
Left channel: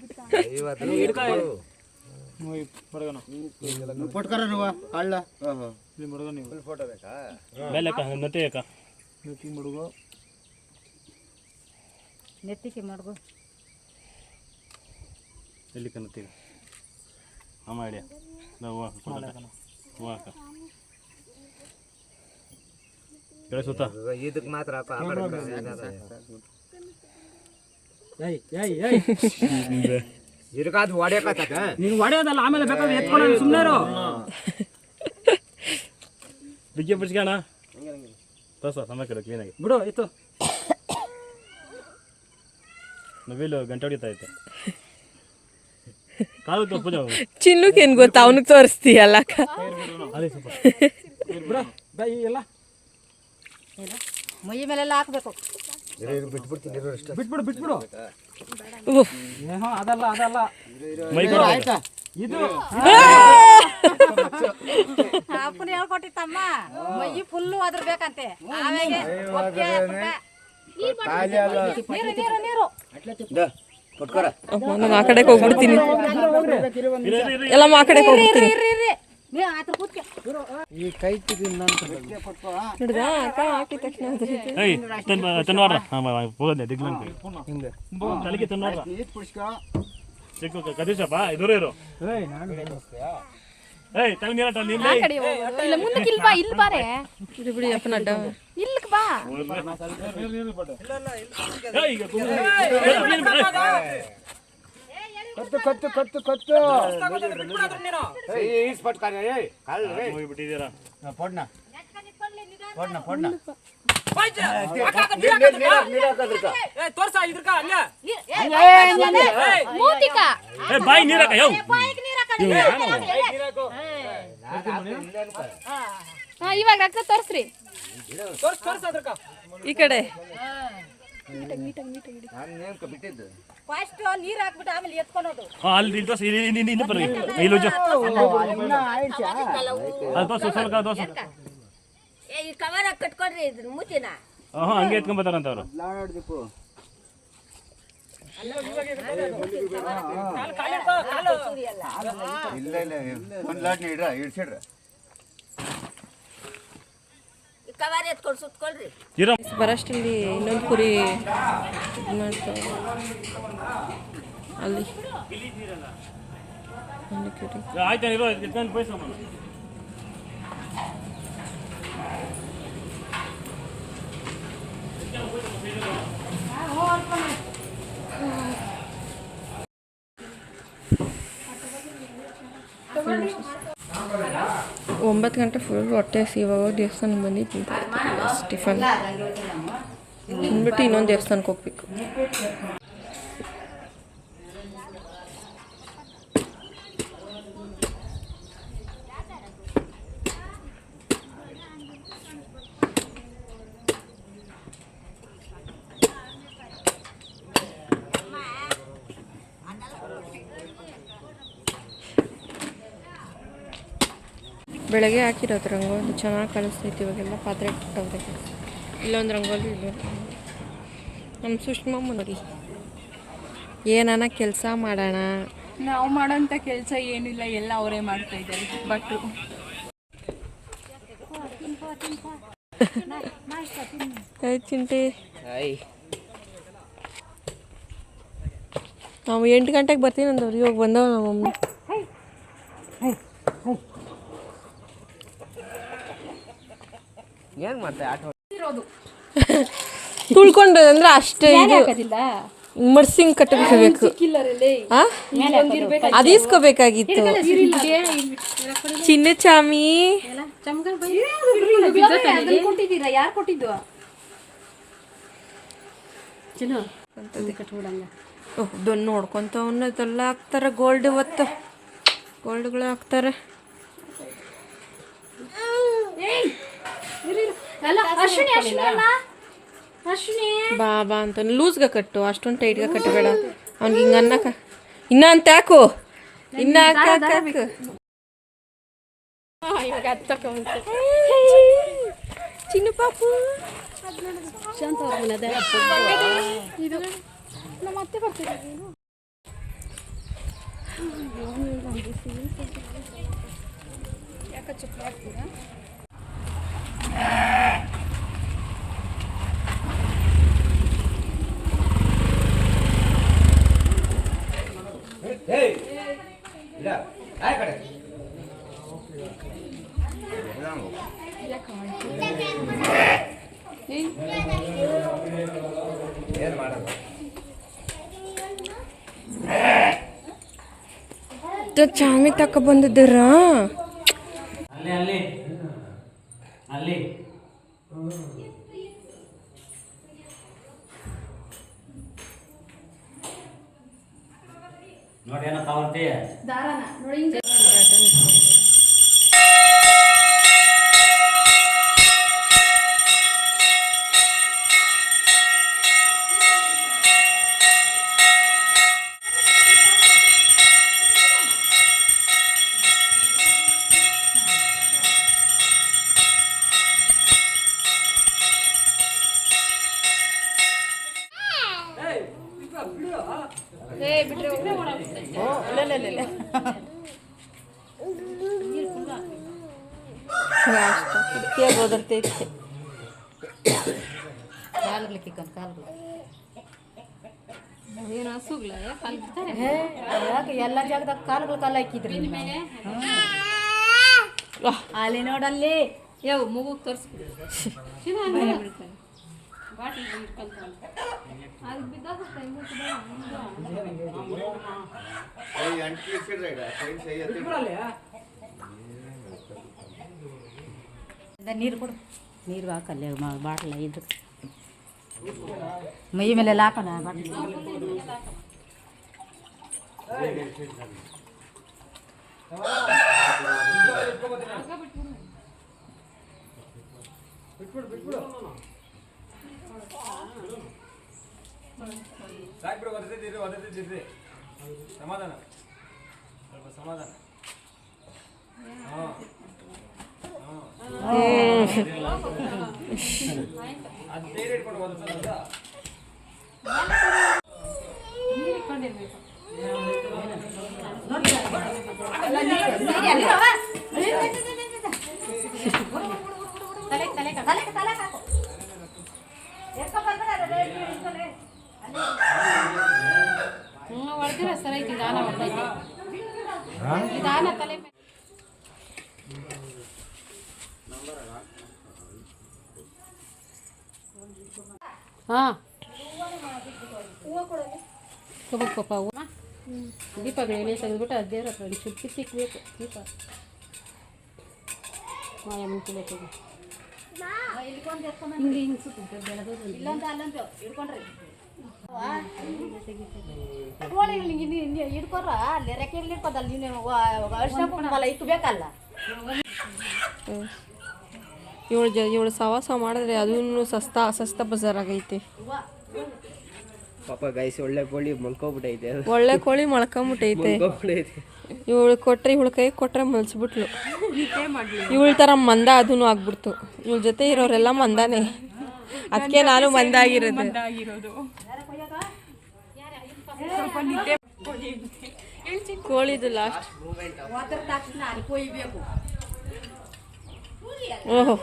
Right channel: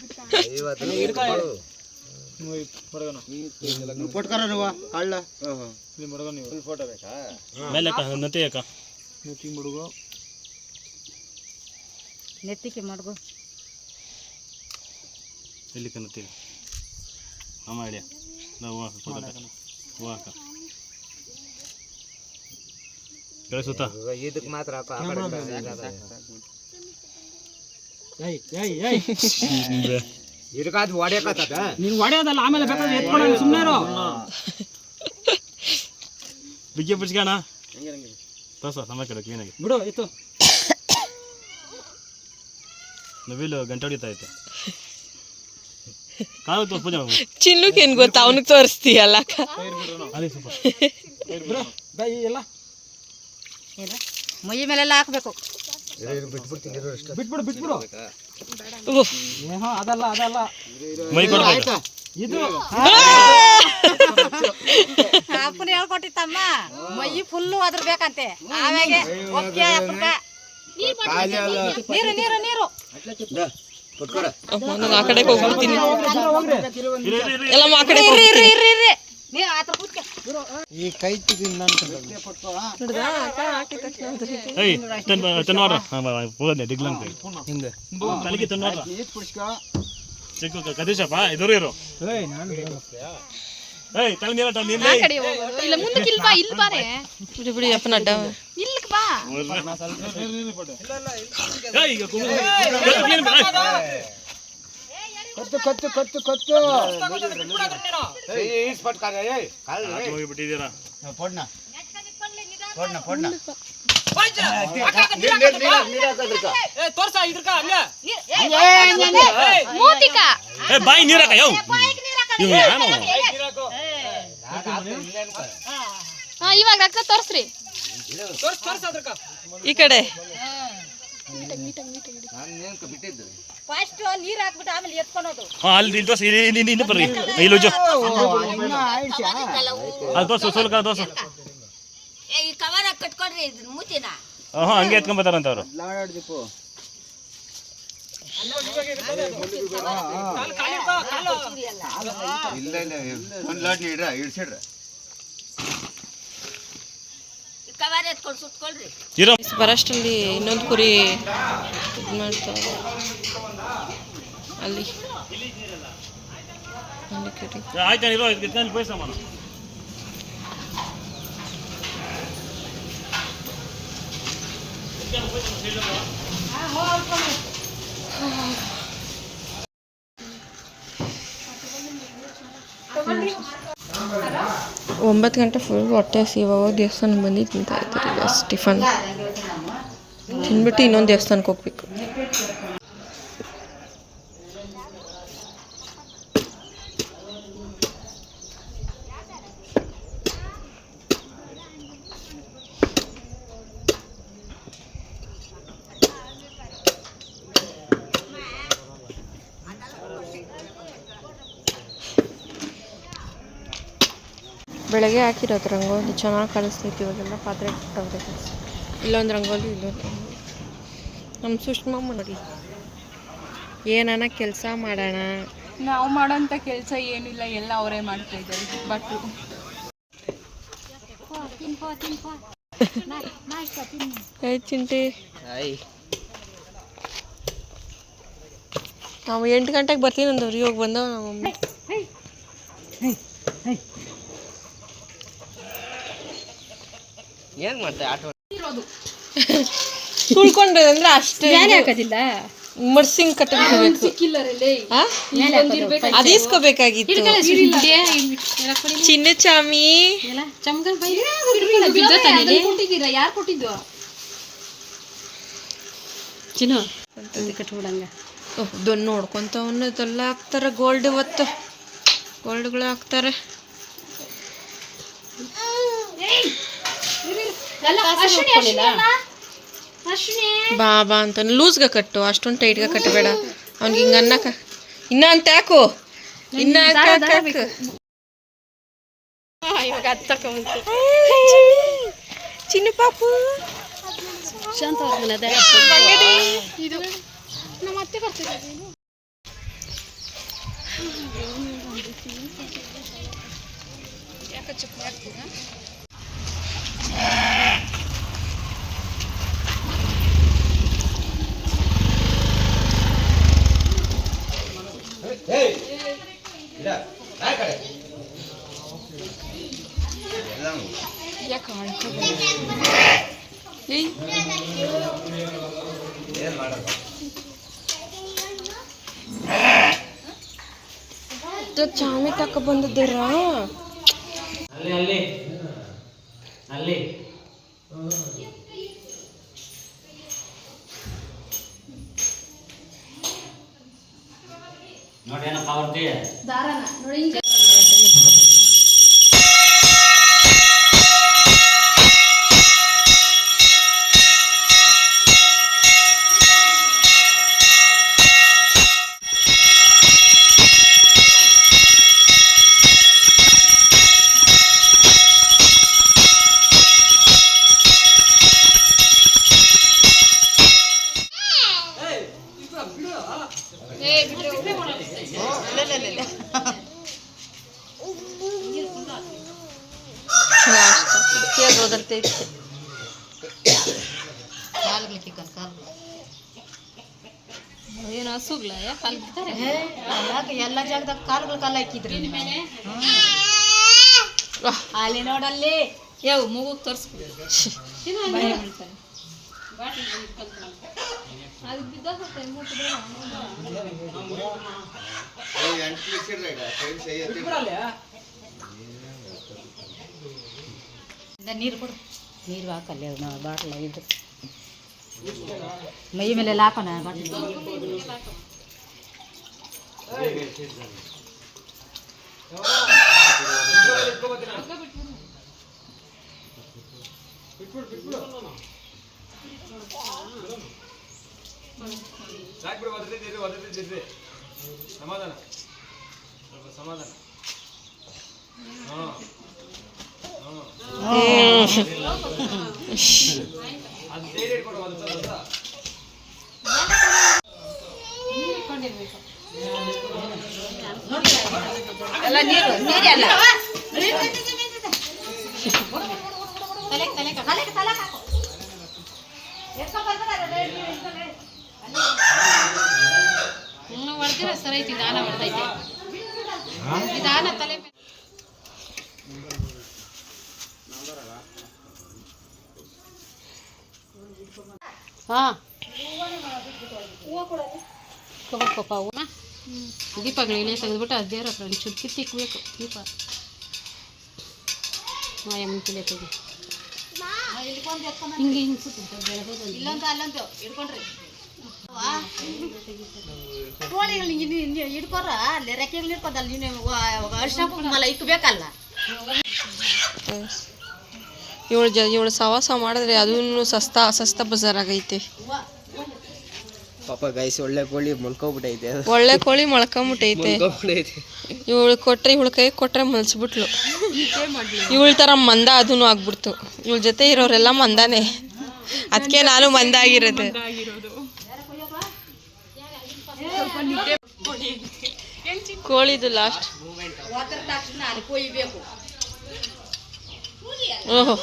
ಕೊಟ್ಕರ ಕಳ್ಳ ಮೇಲೆ ನತೆ ಯಾಕ ನೆತ್ತಿಗೆ ಮಾಡ್ಗು ಎಲ್ಲಿ ಕನ್ನತ್ತೀವಿ ಅಮ್ಮ ಹಿಡಿಯ ಹೂವು ಹಾಕ ಬೆಳೆಸುತ್ತ ಇದಕ್ಕೆ ಮಾತ್ರ ಇದಕ್ಕಾದ್ ಹೊಡ್ಯಾಕತ್ತ ನೀನು ಹೊಡೆಯೋದಲ್ಲ ಆಮೇಲೆ ಬೇಕಾದ್ರೆ ಎತ್ಕೊಳ್ಳೋದು ಸುಮ್ಮನೆ ಇರೋ ಬಿಗ್ಗೆ ಬಿಡ್ಸ್ಕೋಣ ತೋರ್ಸ ಸಮಯ ಕಡೆ ಕ್ಲೀನಾಗಿ ಬಿಡು ಇತ್ತು ನವಿಲು ಗಂಟೆ ಹೊಡಿತಾ ಇತ್ತು ಕಾಲು ತೋರ್ಸ್ ಪೂಜೆ ಚಿನ್ನುಕ್ ಏನ್ ಗೊತ್ತಾ ಅವನಿಗೆ ತೋರಿಸ್ತೀಯಲ್ಲ ಅದೇ ಸ್ವಲ್ಪ ಎಲ್ಲ ಮೈ ಮೇಲೆಲ್ಲ ಹಾಕ್ಬೇಕು ಬಿಟ್ಬಿಡು ಬಿಟ್ಬಿಡು ಏನೋ ಅದಲ್ಲ ಅದಲ್ಲ ಮೈ ಕೊಡು ಆಯ್ತಾ ಇದು ಅಪ್ಪನ ಹೇಳ್ಕೊಟ್ಟಿತ್ತಮ್ಮ ಮೈ ಫುಲ್ಲು ಅದ್ರಬೇಕಂತೆ ಆಮೇಲೆ ನೀರು ನೀರು ನೀರು ನಾನು ಆ ಕಡೆಗೆ ಹೋಗ್ಬಿಡ್ತೀನಿ ಎಲ್ಲ ಆ ಕಡೆಗೆ ಹೋಗ್ಬಿಡ್ತೀನಿ ನೀ ಆತರ ಕೂತ್ಕ ಈ ಕೈ ಹಿಡ್ದಾ ಅಕ್ಕ ಹಾಕಿದ ತಕ್ಷಣ ಏಯ್ ತನ್ನವಾರ ಹೋಗಲ್ಲ ದಿಗ್ಲಂಕ ಹಿಂಗೆ ಕಲಿಗೆ ತನ್ನವಾರ ಚಿಕ್ಕ ಕದೇಶಪ್ಪ ಎದುರು ಇರು ಏಯ್ ತಗೊಂಡು ನೀರ ತಗೊಂಡು ಆ ಕಡೆ ಹೋಗೋದು ಇಲ್ಲ ಮುಂದಕ್ಕೆ ಇಲ್ಲಿ ಬಾ ಇಲ್ಲಿ ಬಾರೆ ಬಿಡಿ ಬಿಡಿ ಅಪ್ಪನ ಅಡ್ಡ ಇಲ್ಲಿಗೆ ಬಾ ಏಯ್ ಈಗ ಕತ್ತು ಕತ್ತು ಕತ್ತು ಕತ್ತು ಹೋಗಿಬಿಟ್ಟಿದ್ದೀರಾ ಪೊಡ್ನ ಪೊಡ್ನ ಪೊಡ್ನ ಮೂತಿಕ ಏ ಬಾಯಿ ನೀರಾಕ ಯೋ ಇವ್ ಏನು ಇವಾಗ ರಕ್ತ ತೋರಿಸ್ರಿ ಈ ಕಡೆ ಬಿಟ್ಟಿದ್ದು ಫಸ್ಟ್ ನೀರು ಹಾಕ್ಬಿಟ್ಟು ಆಮೇಲೆ ಎತ್ಕೊಳೋದು ಅಲ್ಲಿ ತೋರ್ಸ ಇಲ್ಲಿ ಬರ್ರಿ ಇಲ್ಲಿ ಜೋ ಅದು ತೋರ್ಸು ಸ್ವಲ್ಪ ತೋರ್ಸು ಈ ಕವರ್ ಕಟ್ಕೊಡ್ರಿ ಇದನ್ನ ಮೂತಿನ ಹಂಗೆ ಎತ್ಕೊಂಬತ್ತಾರಂತ ಅವರು ಇಲ್ಲ ಇಲ್ಲ ಒಂದು ಲಾಟ್ ನೀಡ್ರ ಇಡ್ಸಿಡ್ರ ಕವರ್ ಎತ್ಕೊಂಡು ಸುತ್ಕೊಳ್ರಿ ಇರೋ ಬರೋಷ್ಟರಲ್ಲಿ ಇನ್ನೊಂದು ಕುರಿ ಇದು ಮಾಡ್ತಾವೆ ಅಲ್ಲಿ ಅಲ್ಲಿ ಕುರಿ ಆಯ್ತಾ ಇರೋ ಎತ್ಕೊಂಡು ಪೈಸಮ್ಮ ಒಂಬತ್ತು ಗಂಟೆ ಫುಲ್ ಹೊಟ್ಟೆ ಹಸಿವಾಗ ದೇವಸ್ಥಾನಕ್ಕೆ ಬಂದು ತಿಂತಾ ಇದ್ದಾರೆ ಈಗ ಟಿಫನ್ ತಿಂದ್ಬಿಟ್ಟು ಇನ್ನೊಂದು ದೇವಸ್ಥಾನಕ್ಕೆ ಹೋಗ್ಬೇಕು. ಬೆಳಗ್ಗೆ ಹಾಕಿರೋದು ರಂಗೋಲಿ ಚೆನ್ನಾಗಿ ಕಾಣಿಸ್ತೈತಿ. ಇವಾಗೆಲ್ಲ ಪಾತ್ರೆ ಕೊಟ್ಟವ್ರೆ. ಇಲ್ಲೊಂದು ರಂಗೋಲಿ ಇಲ್ಲೊಂದು ರಂಗೋಲಿ. ನಮ್ಮ ಸುಷ್ಮಮ್ಮ ನೋಡಿ ಏನಾನ ಕೆಲಸ ಮಾಡೋಣ ನಾವು ಮಾಡೋಂಥ ಕೆಲಸ ಏನಿಲ್ಲ, ಎಲ್ಲ ಅವರೇ ಮಾಡ್ತಾ ಇದ್ದಾರೆ ಭಟ್ರು. ಆಯ್ತು ಚಿಂಟಿ. ನಾವು 8 ಗಂಟೆಗೆ ಬರ್ತೀನಿ ಅಂದವ್ರು, ಇವಾಗ ಬಂದವ ನಮ್ಮ ಮಮ್ಮಿ. ಏನು ಮಾಡ್ತೆ ಆಟೋ ತುಳ್ಕೊಂಡು ಅಂದ್ರೆ ಅಷ್ಟೇ ಹಾಕೋದಿಲ್ಲ ಮರ್ಸಿಂಗ್ ಕಟ್ಟಬೇಕು. ಅದು ಇಸ್ಕೋಬೇಕಾಗಿತ್ತು. ಚಿನ್ನ ಚಾಮಿ ಯಾರು ಕೊಟ್ಟಿದ್ದು ಚಿನ್ನು ಕಟ್ಬಿಡಂಗ. ಓಹ್ ದೊಣ್ಣು ನೋಡ್ಕೊತ ಅವನ್ನದೆಲ್ಲ ಹಾಕ್ತಾರೆ. ಗೋಲ್ಡ್ ಇವತ್ತು ಗೋಲ್ಡ್ಗಳು ಹಾಕ್ತಾರೆ. ಬಾ ಬಾ ಅಂತ ಲೂಸ್ಗೆ ಕಟ್ಟು, ಅಷ್ಟೊಂದು ಟೈಟ್ಗೆ ಕಟ್ಟಬೇಡ. ಅವ್ನಿಗೆ ಹಿಂಗೆ ಅನ್ನಕ ಇನ್ನ ಅಂತ ಹಾಕು, ಇನ್ನ ಹಾಕು. ಇವಾಗ ಹತ್ತಕೊಂಬಂತು ಚಿನ್ನ ಪಾಪು. ಶಾಂತ ಅವ್ರ ಚಾಮಿ ತಕ ಬಂದಿದ್ದಾರಾ? ಅಲ್ಲಿ ನೋಡಿ ಏನಪ್ಪ ಅವ್ರದ್ದೇ ಓದರ್ತೈತೆ. ಏನು ಹಸುಗ್ಲ ಯಾಕೆ ಎಲ್ಲ ಜಾಗದಾಗ ಕಾಲುಗಳು ಕಾಲ ಹಾಕಿದ್ರಿ ಅಲ್ಲಿ ನೋಡಲ್ಲಿ ಯಾವ ಮಗು ತೋರಿಸ್ಬಿಡು. ನೀರು ಕೊಡು, ನೀರು ಹಾಕಲ್ಲ ಬಾಟ್ಲ ಇದು ಮೈ ಮೇಲೆಲ್ಲ ಹಾಕೋಣ ಬಾಟ್ಲಿ. ಸಮಾಧಾನ ಸಮಾಧಾನ. ಹೊಡೆದಿರ ಸರ್ ಐತಿ, ದಾನ ಬರ್ತೈತೆ ದಾನ ತಲೆ. ಹಾಂ ಕೊಬ್ಬಪ್ಪ ಹೂವು ದೀಪಗಳು ಎಲೆ ತೆಗೆದ್ಬಿಟ್ಟು ಅದು ದೇವ್ರ ಹತ್ರ ಒಂಚೂರು ಕಿತ್ತಿಕ್ಬೇಕು. ದೀಪ ನಾಳೆ ಮುಂಚೆ ತೆಗಿ ಹಿಂಗೆ ಹಿಂಗೆ ಸುತ್ತ ಬೆಳಗೋದು ಇಲ್ಲಂತ ಅಲ್ಲಂತ ಹಿಡ್ಕೊಂಡ್ರಿ ಹಿಡ್ಕೊರ ಅಲ್ಲಿ ರೆಕ್ಕೆಗಳು ಹಿಡ್ಕೋದಲ್ಲ. ನೀನು ಅರ್ಶಿನ ಕುಂಕುಮ ಇಕ್ಬೇಕಲ್ಲ. ಇವಳು ಸವಾಸ ಮಾಡಿದ್ರೆ ಅದೂ ಸಸ್ತಾ ಬಜಾರ್ ಆಗೈತೆ. ಪಾಪ ಗೈಸ್ ಒಳ್ಳೆ ಕೋಳಿ ಮೊಳ್ಕೊಬಿಟ್ಟೈತೆ. ಒಳ್ಳೆ ಕೋಳಿ ಮೊಳ್ಕೊಂಬಿಟ್ಟೈತೆ. ಇವಳು ಕೊಟ್ರೆ ಇವಳ ಕೈ ಕೊಟ್ರೆ ಮಲ್ಸ್ಬಿಟ್ಲು. ಇವಳ ಥರ ಮಂದ ಅದೂ ಆಗ್ಬಿಡ್ತು. ಇವಳ ಜೊತೆ ಇರೋರೆಲ್ಲ ಮಂದಾನೆ, ಅದಕ್ಕೆ ನಾನು ಮಂದ ಆಗಿರೋದು. ಕೋಳಿದು ಲಾಸ್ಟ್. ಓಹೋ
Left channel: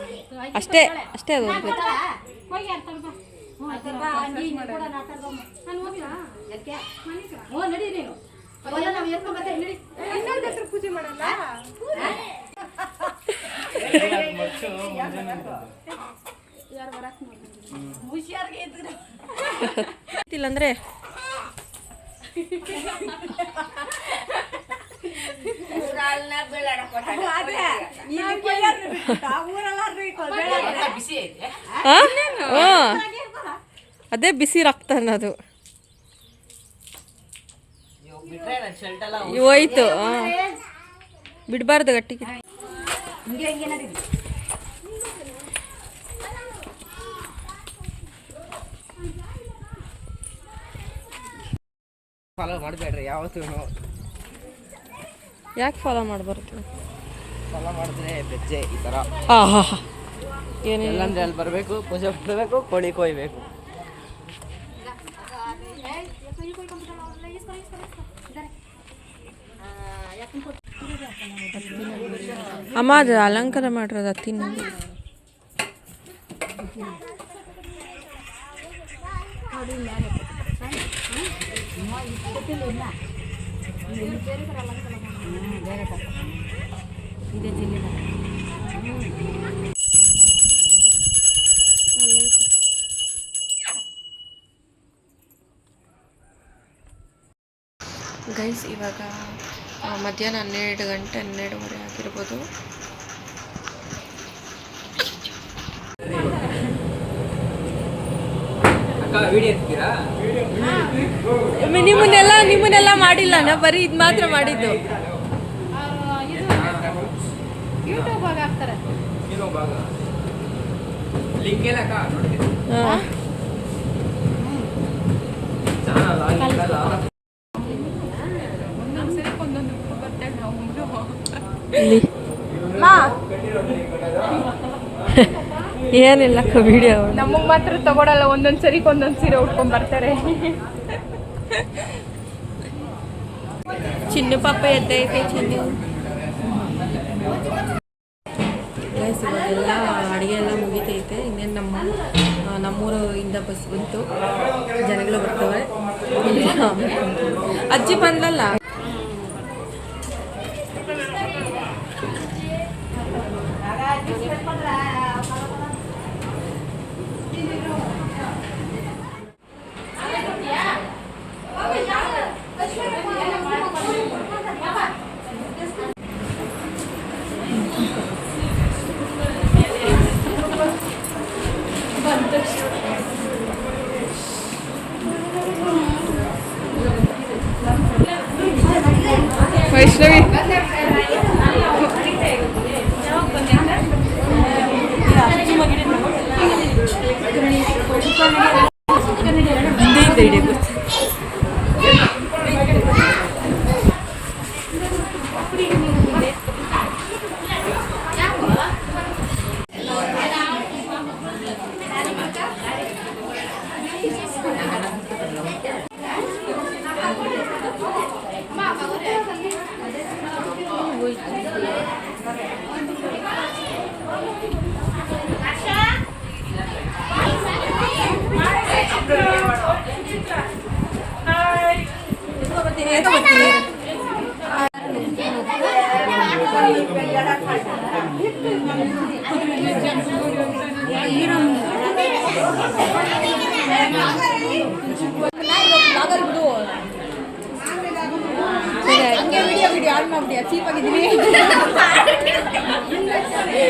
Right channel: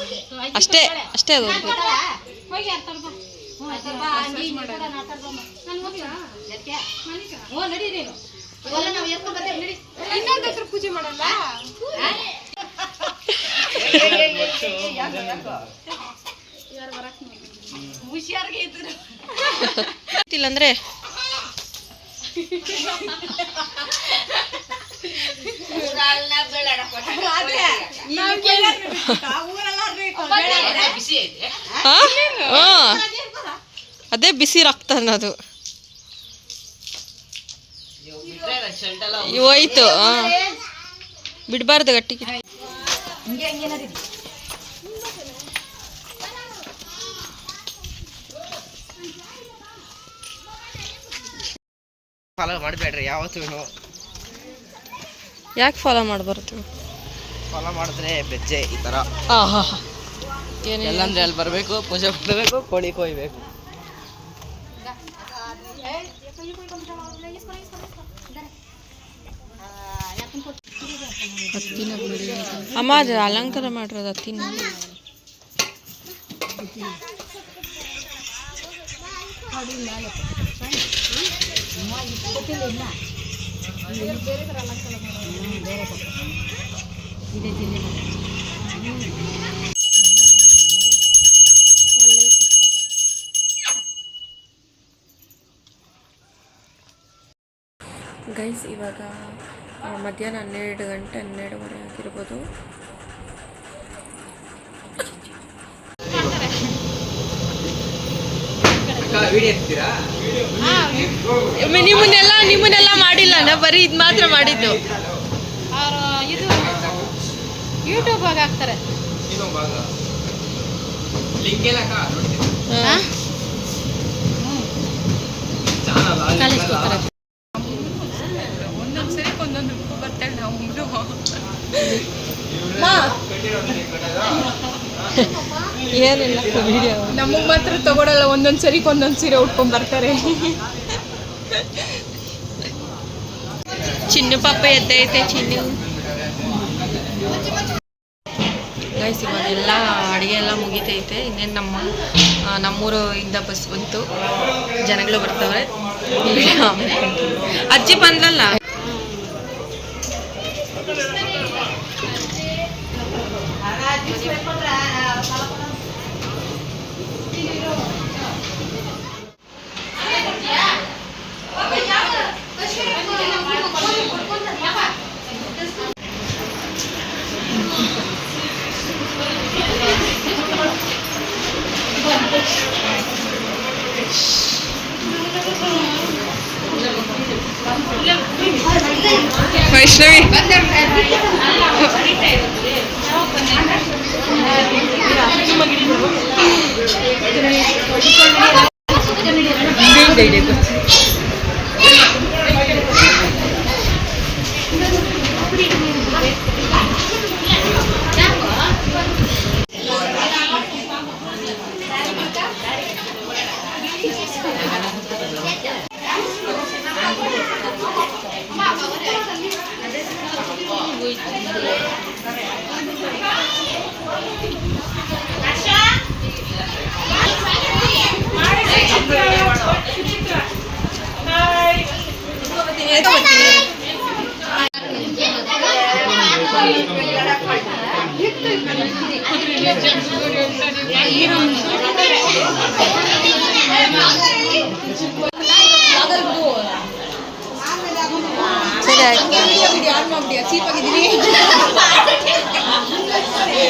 ಅಷ್ಟೇ ಅಷ್ಟೇ ಅದು ಪೂಜೆ ಮಾಡಲ್ಲ. ಇಲ್ಲಂದ್ರೆ ಅದೇ ಬಿಸಿ ರಕ್ತ ಅನ್ನೋದು ಹೋಯ್ತು. ಬಿಡಬಾರ್ದು ಗಟ್ಟಿಗೆ. ಫಾಲೋ ಮಾಡಬೇಡ್ರಿ ಯಾವತ್ತೂ. ಯಾಕೆ ಫಾಲೋ ಮಾಡಬಾರ್ದು? ಫಾಲೋ ಮಾಡಿದ್ರೆ ಬೆಜ್ಜೆ ಈ ಥರ ಏನಿಲ್ಲ ಎಲ್ಲಂದ್ರೆ ಅಲ್ಲಿ ಬರಬೇಕು, ಪೂಜೆ ಮಾಡಬೇಕು, ಕೋಳಿ ಕೊಯ್ಬೇಕು. ಅಮ್ಮ ಅದು ಅಲಂಕಾರ ಮಾಡಿರೋದು ಹತ್ತಿನ. ಗೈಸ್ ಇವಾಗ ಮಧ್ಯಾಹ್ನ 12 ಗಂಟೆ 12:30 ಆಗಿರ್ಬೋದು. ನಿಮ್ಮನ್ನೆಲ್ಲ ಮಾಡಿಲ್ಲ, ನಾ ಬರೀ ಇದು ಮಾತ್ರ ಮಾಡಿದ್ದು. ಯೂಟ್ಯೂಬ್ ಹಾಕ್ತಾರೆ. ಒಂದೊಂದ್ಸರಿ ಒಂದೊಂದು ರೂಪ ಬರ್ತಾಳೆ. ನಾವು ಏನಿಲ್ಲ ವಿಡಿಯೋ ನಮಗೆ ಮಾತ್ರ ತಗೊಳಲ್ಲ. ಒಂದೊಂದ್ಸರಿ ಒಂದೊಂದು ಸೀರೆ ಉಟ್ಕೊಂಡ್ ಬರ್ತಾರೆ. ಚಿನ್ನು ಪಾಪ ಎದ್ದೈತೆ. ಚಿನ್ನು ಗೈಸ್ ಇವಾಗೆಲ್ಲ ಅಡುಗೆ ಎಲ್ಲ ಮುಗಿತೈತೆ. ಇನ್ನೇನು ನಮ್ಮೂರಿಂದ ಬಸ್ ಬಂತು, ಜನಗಳು ಬರ್ತವೆ. ಅಜ್ಜಿ ಬಂದಲ್ಲ. ವೈಷ್ಣವಿ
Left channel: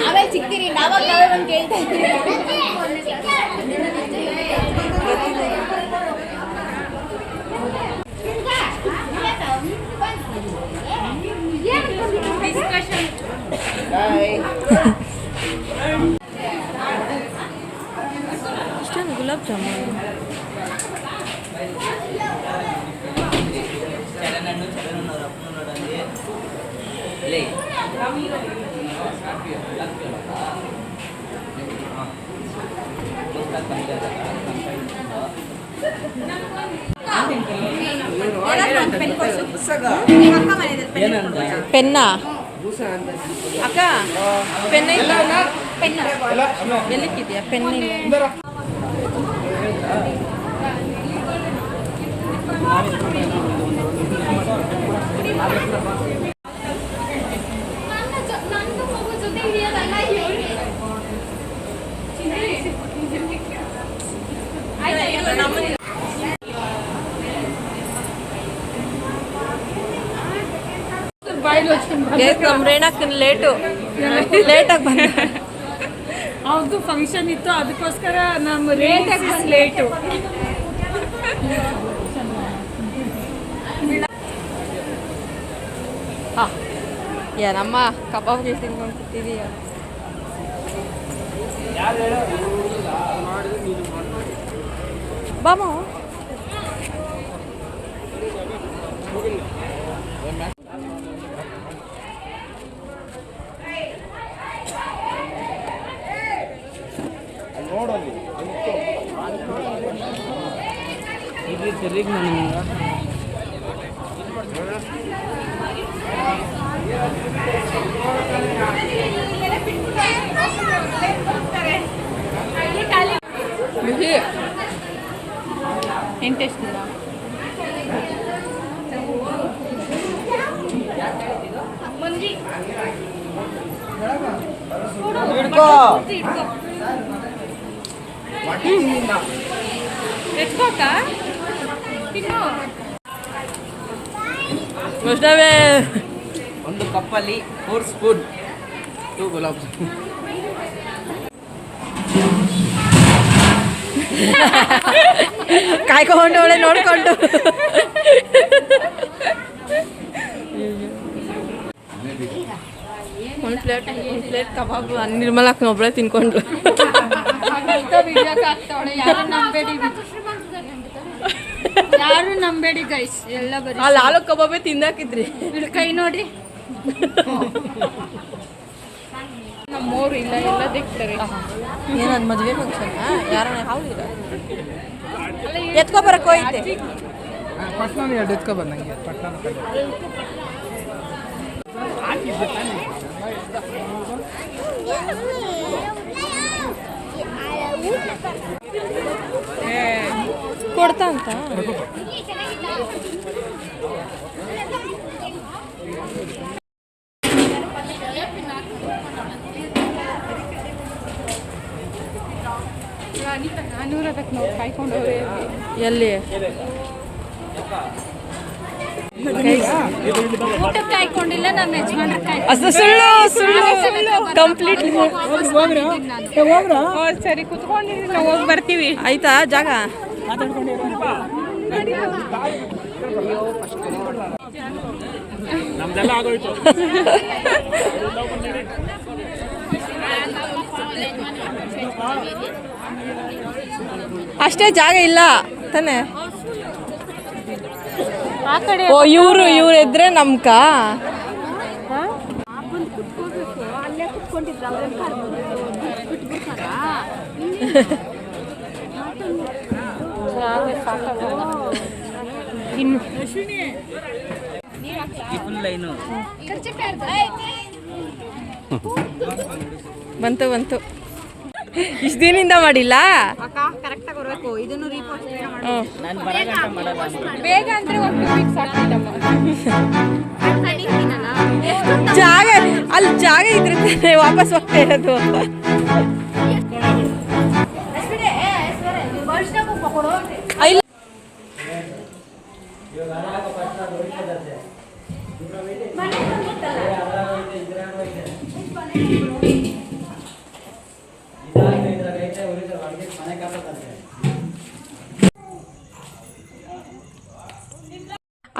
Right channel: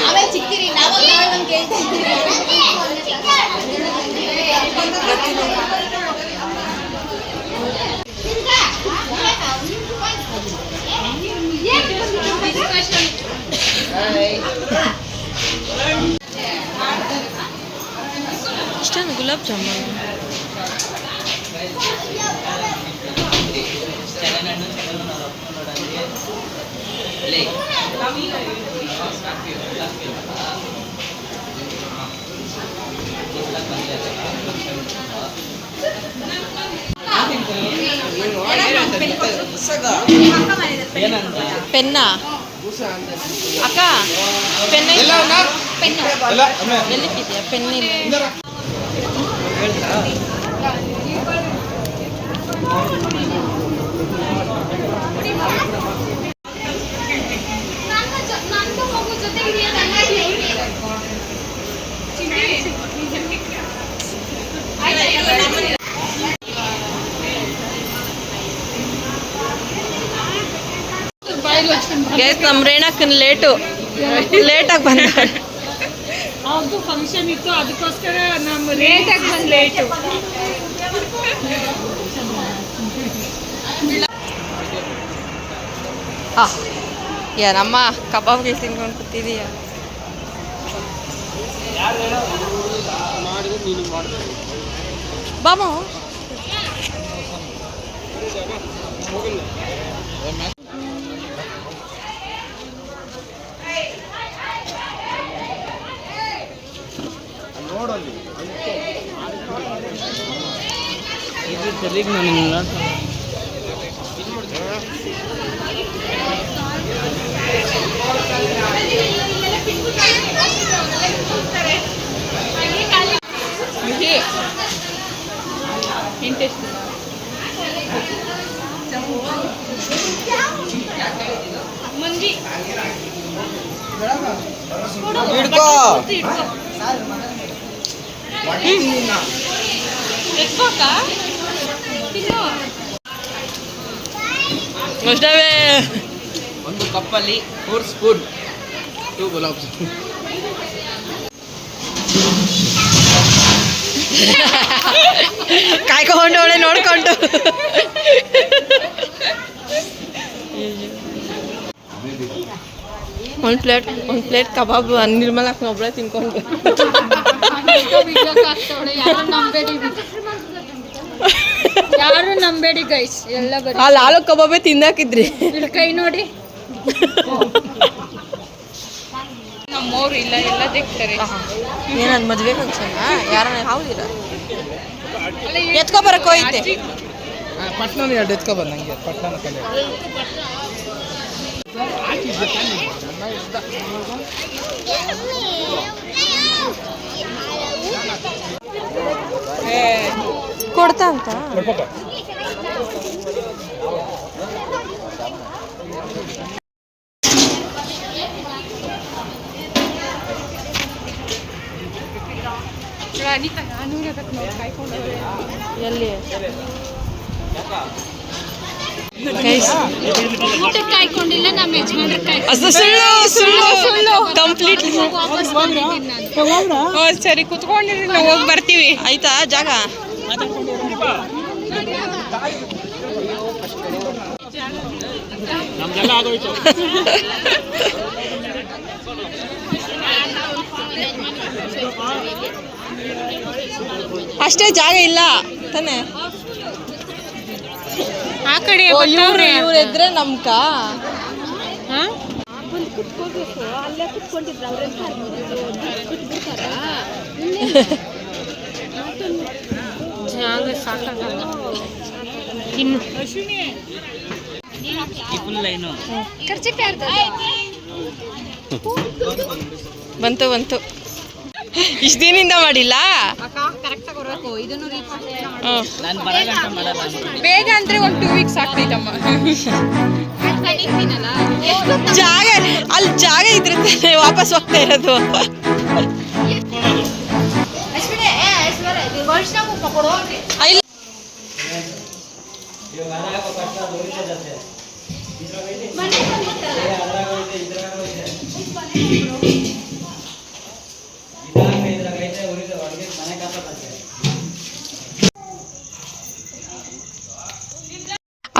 ಆಮೇಲೆ ಚಿಕ್ಕಿರಿ ನಾವಾಗ ನಾವೇ ಒಂದು ಕೇಳ್ತಾ ಇದ್ದೀವಿ. ಇಷ್ಟೇನು ಗುಲಾಬ್ ಜಾಮೂನು? ಪೆನ್ನ ಅಕ್ಕ ಪೆನ್ ಇಲ್ಲ ಎಲ್ಲಿಕ್ಕಿದೆಯಾ ಪೆನ್ ಇಲ್ಲ ನಮ್ಮ ರೇಣಕ್ಕನ ಲೇಟಾಗಿ ಬಂದ ಅದು ಫಂಕ್ಷನ್ ಇತ್ತು ಅದಕ್ಕೋಸ್ಕರ ನಮ್ಮ ಲೇಟಾಗಿ ಬಂದು ಲೇಟು ಏನಮ್ಮ ಕಬಾಬ್ಗಳು ತಿನ್ಕೊಂಡು ಕೂತಿದೀಯ ಬಾಮ ಇಂಟೆಸ್ಟ್ ಒಂದು ಕಪ್ಪಲ್ಲಿ 4 ಸ್ಪೂನ್ 2 ಗುಲಾಬ್ ಜಾಮೂನ್. ಕಾಯ್ಕೊಂಡು ಅವಳೆ ನೋಡ್ಕೊಂಡು ಒಂದು ಪ್ಲೇಟ್ ಕಬಾಬ್ ನಿರ್ಮಲಾಕ್ ಒಬ್ಬಳೆ ತಿನ್ಕೊಂಡು ಯಾರು ನಂಬೇಡಿ ಗೈಸ್ ಎಲ್ಲ ಬರೀ ಅಲ್ಲಿ ಆಲೂ ಕಬಾಬೇ ತಿಂದಾಕಿದ್ರಿ ಕೈ ನೋಡಿ ನಮ್ಮವ್ರು ಇಲ್ಲ ಎಲ್ಲ ದಿಕ್ತಾರೆ ಏನದು ಮದುವೆ ಫಂಕ್ಷನ್ ಯಾರನ್ನ ಹೌದಿರ ಎತ್ಕೊ ಬರಕ್ ಹೋಯ್ತೆ ಪಟ್ನ ಎರಡು ಎತ್ಕೊ ಬಂದಂಗೆ ಪಟ್ನ ಕೊಡ್ತಾ ಅಂತ ಎಲ್ಲಿ ಊಟಕ್ಕೆ ಕಾಯ್ಕೊಂಡಿಲ್ಲ ನಮ್ಮ ಯಜಮಾನ್ರ ಅದು ಸುಳ್ಳು ಕಂಪ್ಲೀಟ್ ಸರಿ ಕುತ್ಕೊಂಡಿರಿ ನಾವು ಹೋಗಿ ಬರ್ತೀವಿ ಆಯ್ತಾ ಜಾಗ ನಮ್ದೆಲ್ಲ ಆಗೋಯ್ತು. ಅಷ್ಟೇ ಜಾಗ ಇಲ್ಲ ತಾನೆ ಆ ಕಡೆ ಇವ್ರು ಇದ್ರೆ ನಮ್ಕ ಇನ್ನು ಬಂತು ಇಷ್ಟು ದಿನದಿಂದ ಮಾಡಿಲ್ಲ ಬೇಗ ಅಂದ್ರೆ ಒಂದು 2 ವೀಕ್ಸ್ ಆಗ್ತೈತಮ್ಮ ಜಾಗ ಅಲ್ಲಿ ಜಾಗ ಇದ್ರೆ ತಾನೇ ವಾಪಸ್ ಹೋಗ್ತಾ ಇರೋದು ಇಲ್ಲ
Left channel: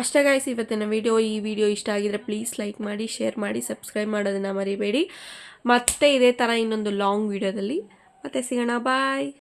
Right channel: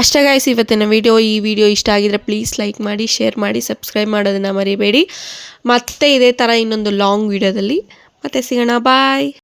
ಅಷ್ಟೇ ಗಾಯ್ಸ್ ಇವತ್ತಿನ ಈ ವಿಡಿಯೋ ಇಷ್ಟ ಆಗಿದ್ರೆ ಪ್ಲೀಸ್ ಲೈಕ್ ಮಾಡಿ ಶೇರ್ ಮಾಡಿ ಸಬ್ಸ್ಕ್ರೈಬ್ ಮಾಡೋದನ್ನು ಮರಿಬೇಡಿ ಮತ್ತೆ ಇದೇ ಥರ ಇನ್ನೊಂದು ಲಾಂಗ್ ವಿಡಿಯೋದಲ್ಲಿ ಮತ್ತೆ ಸಿಗೋಣ ಬಾಯ್.